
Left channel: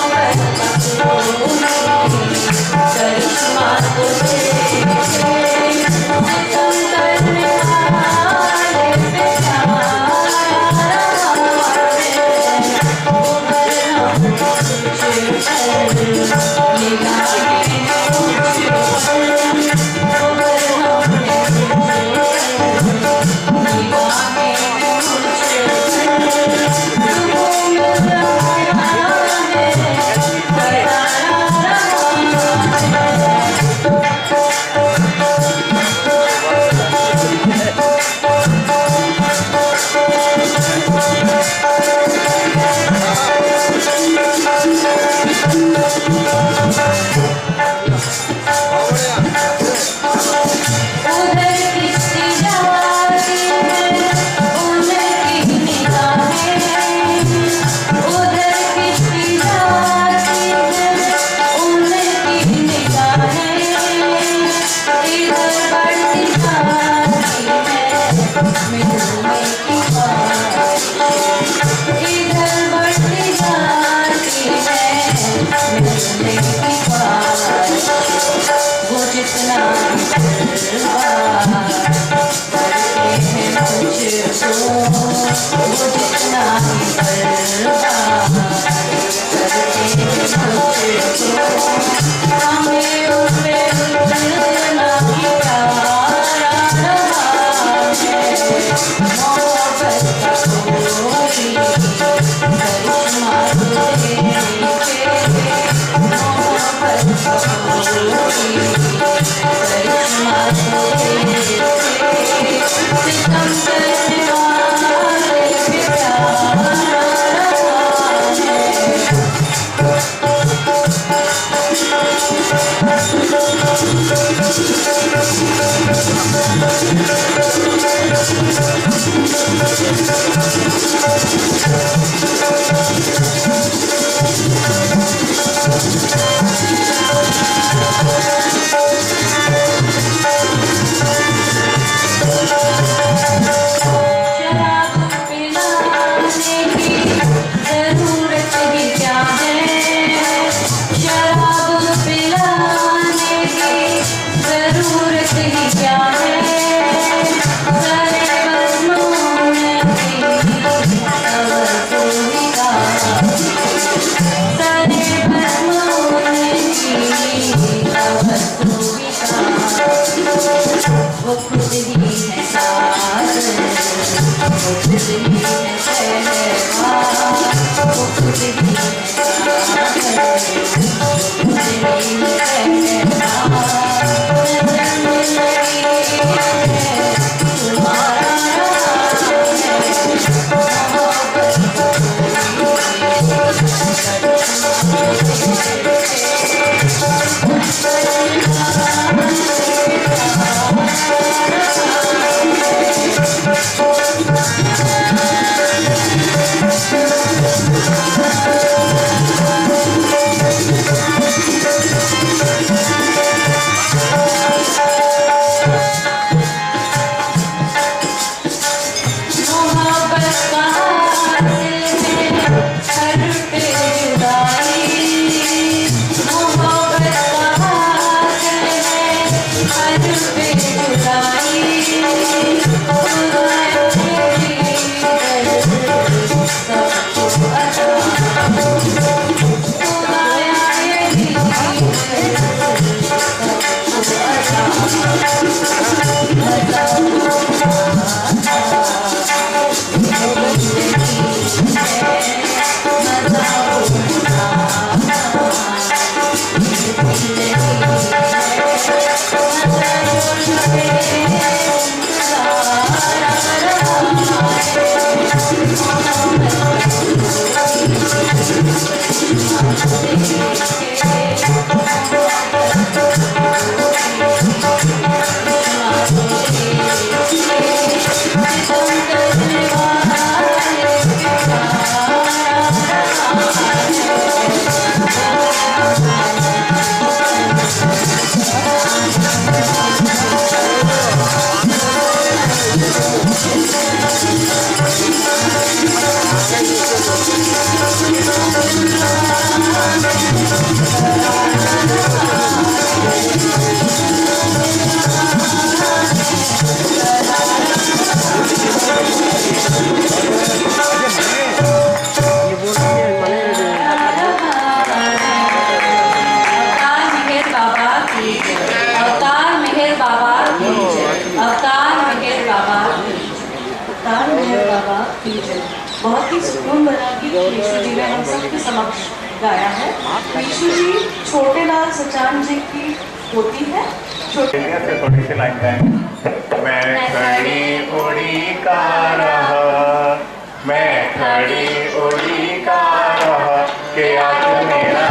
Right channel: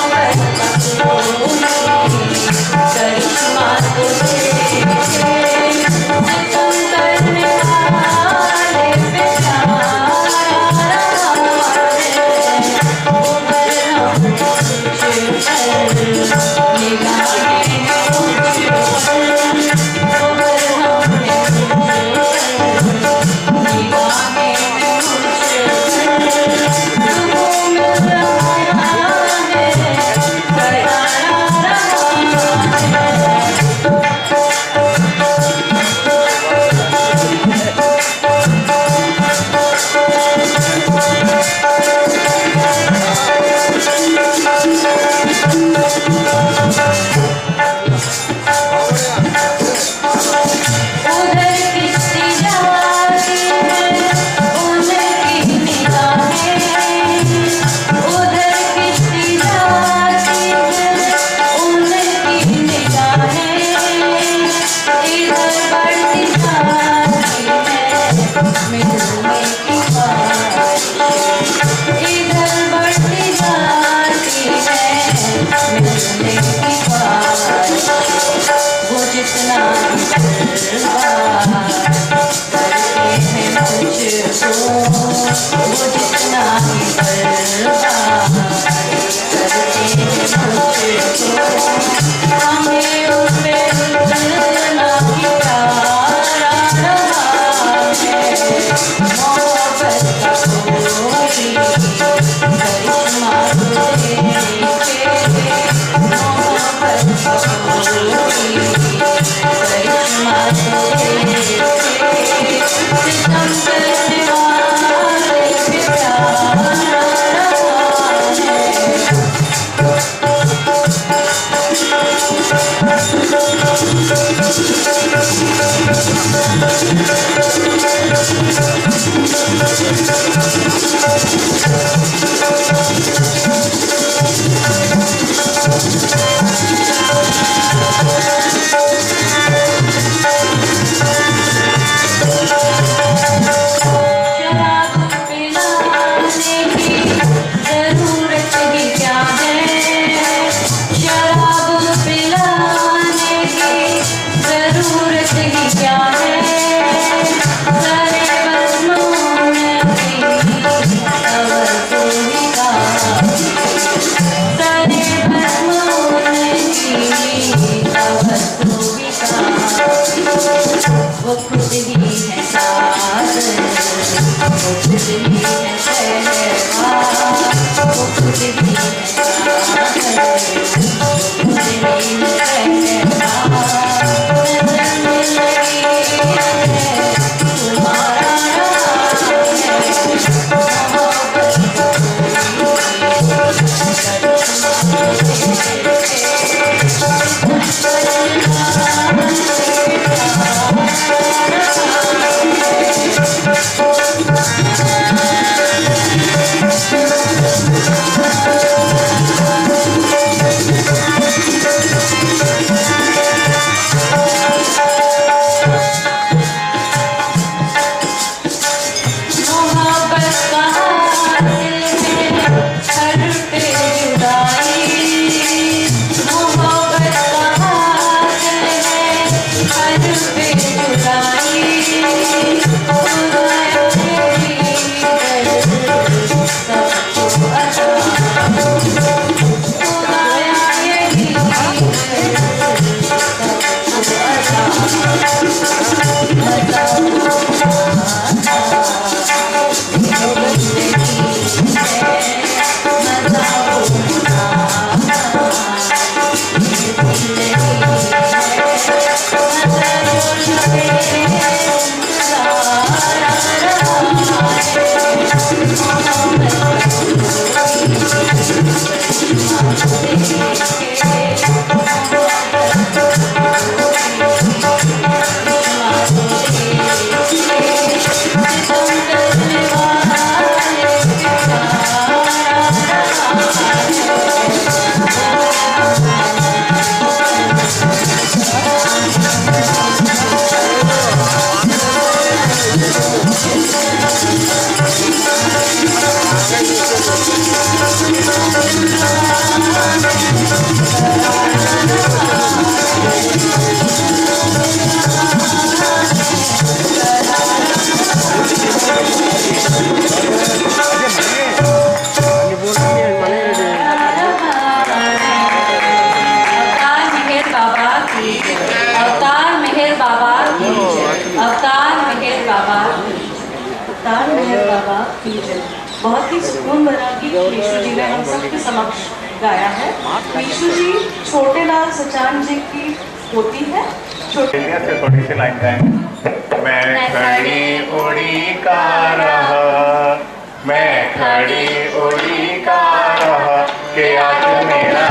करिश्मा तो तुम करने वाले पे इधर बढ़ती जाती है मिलने की बात बहुत ही सुकून भरा गीत मीशू जी ने हम सबके समक्ष गाया है। मीशू जी छोटे लाल सचान जी की होती है। छोटे से थोड़ी सी लाइन गाएंगे। मैं खड़ी उड़ी का रहा, मैं खड़ी उड़ी का रहा, कि आज मेरा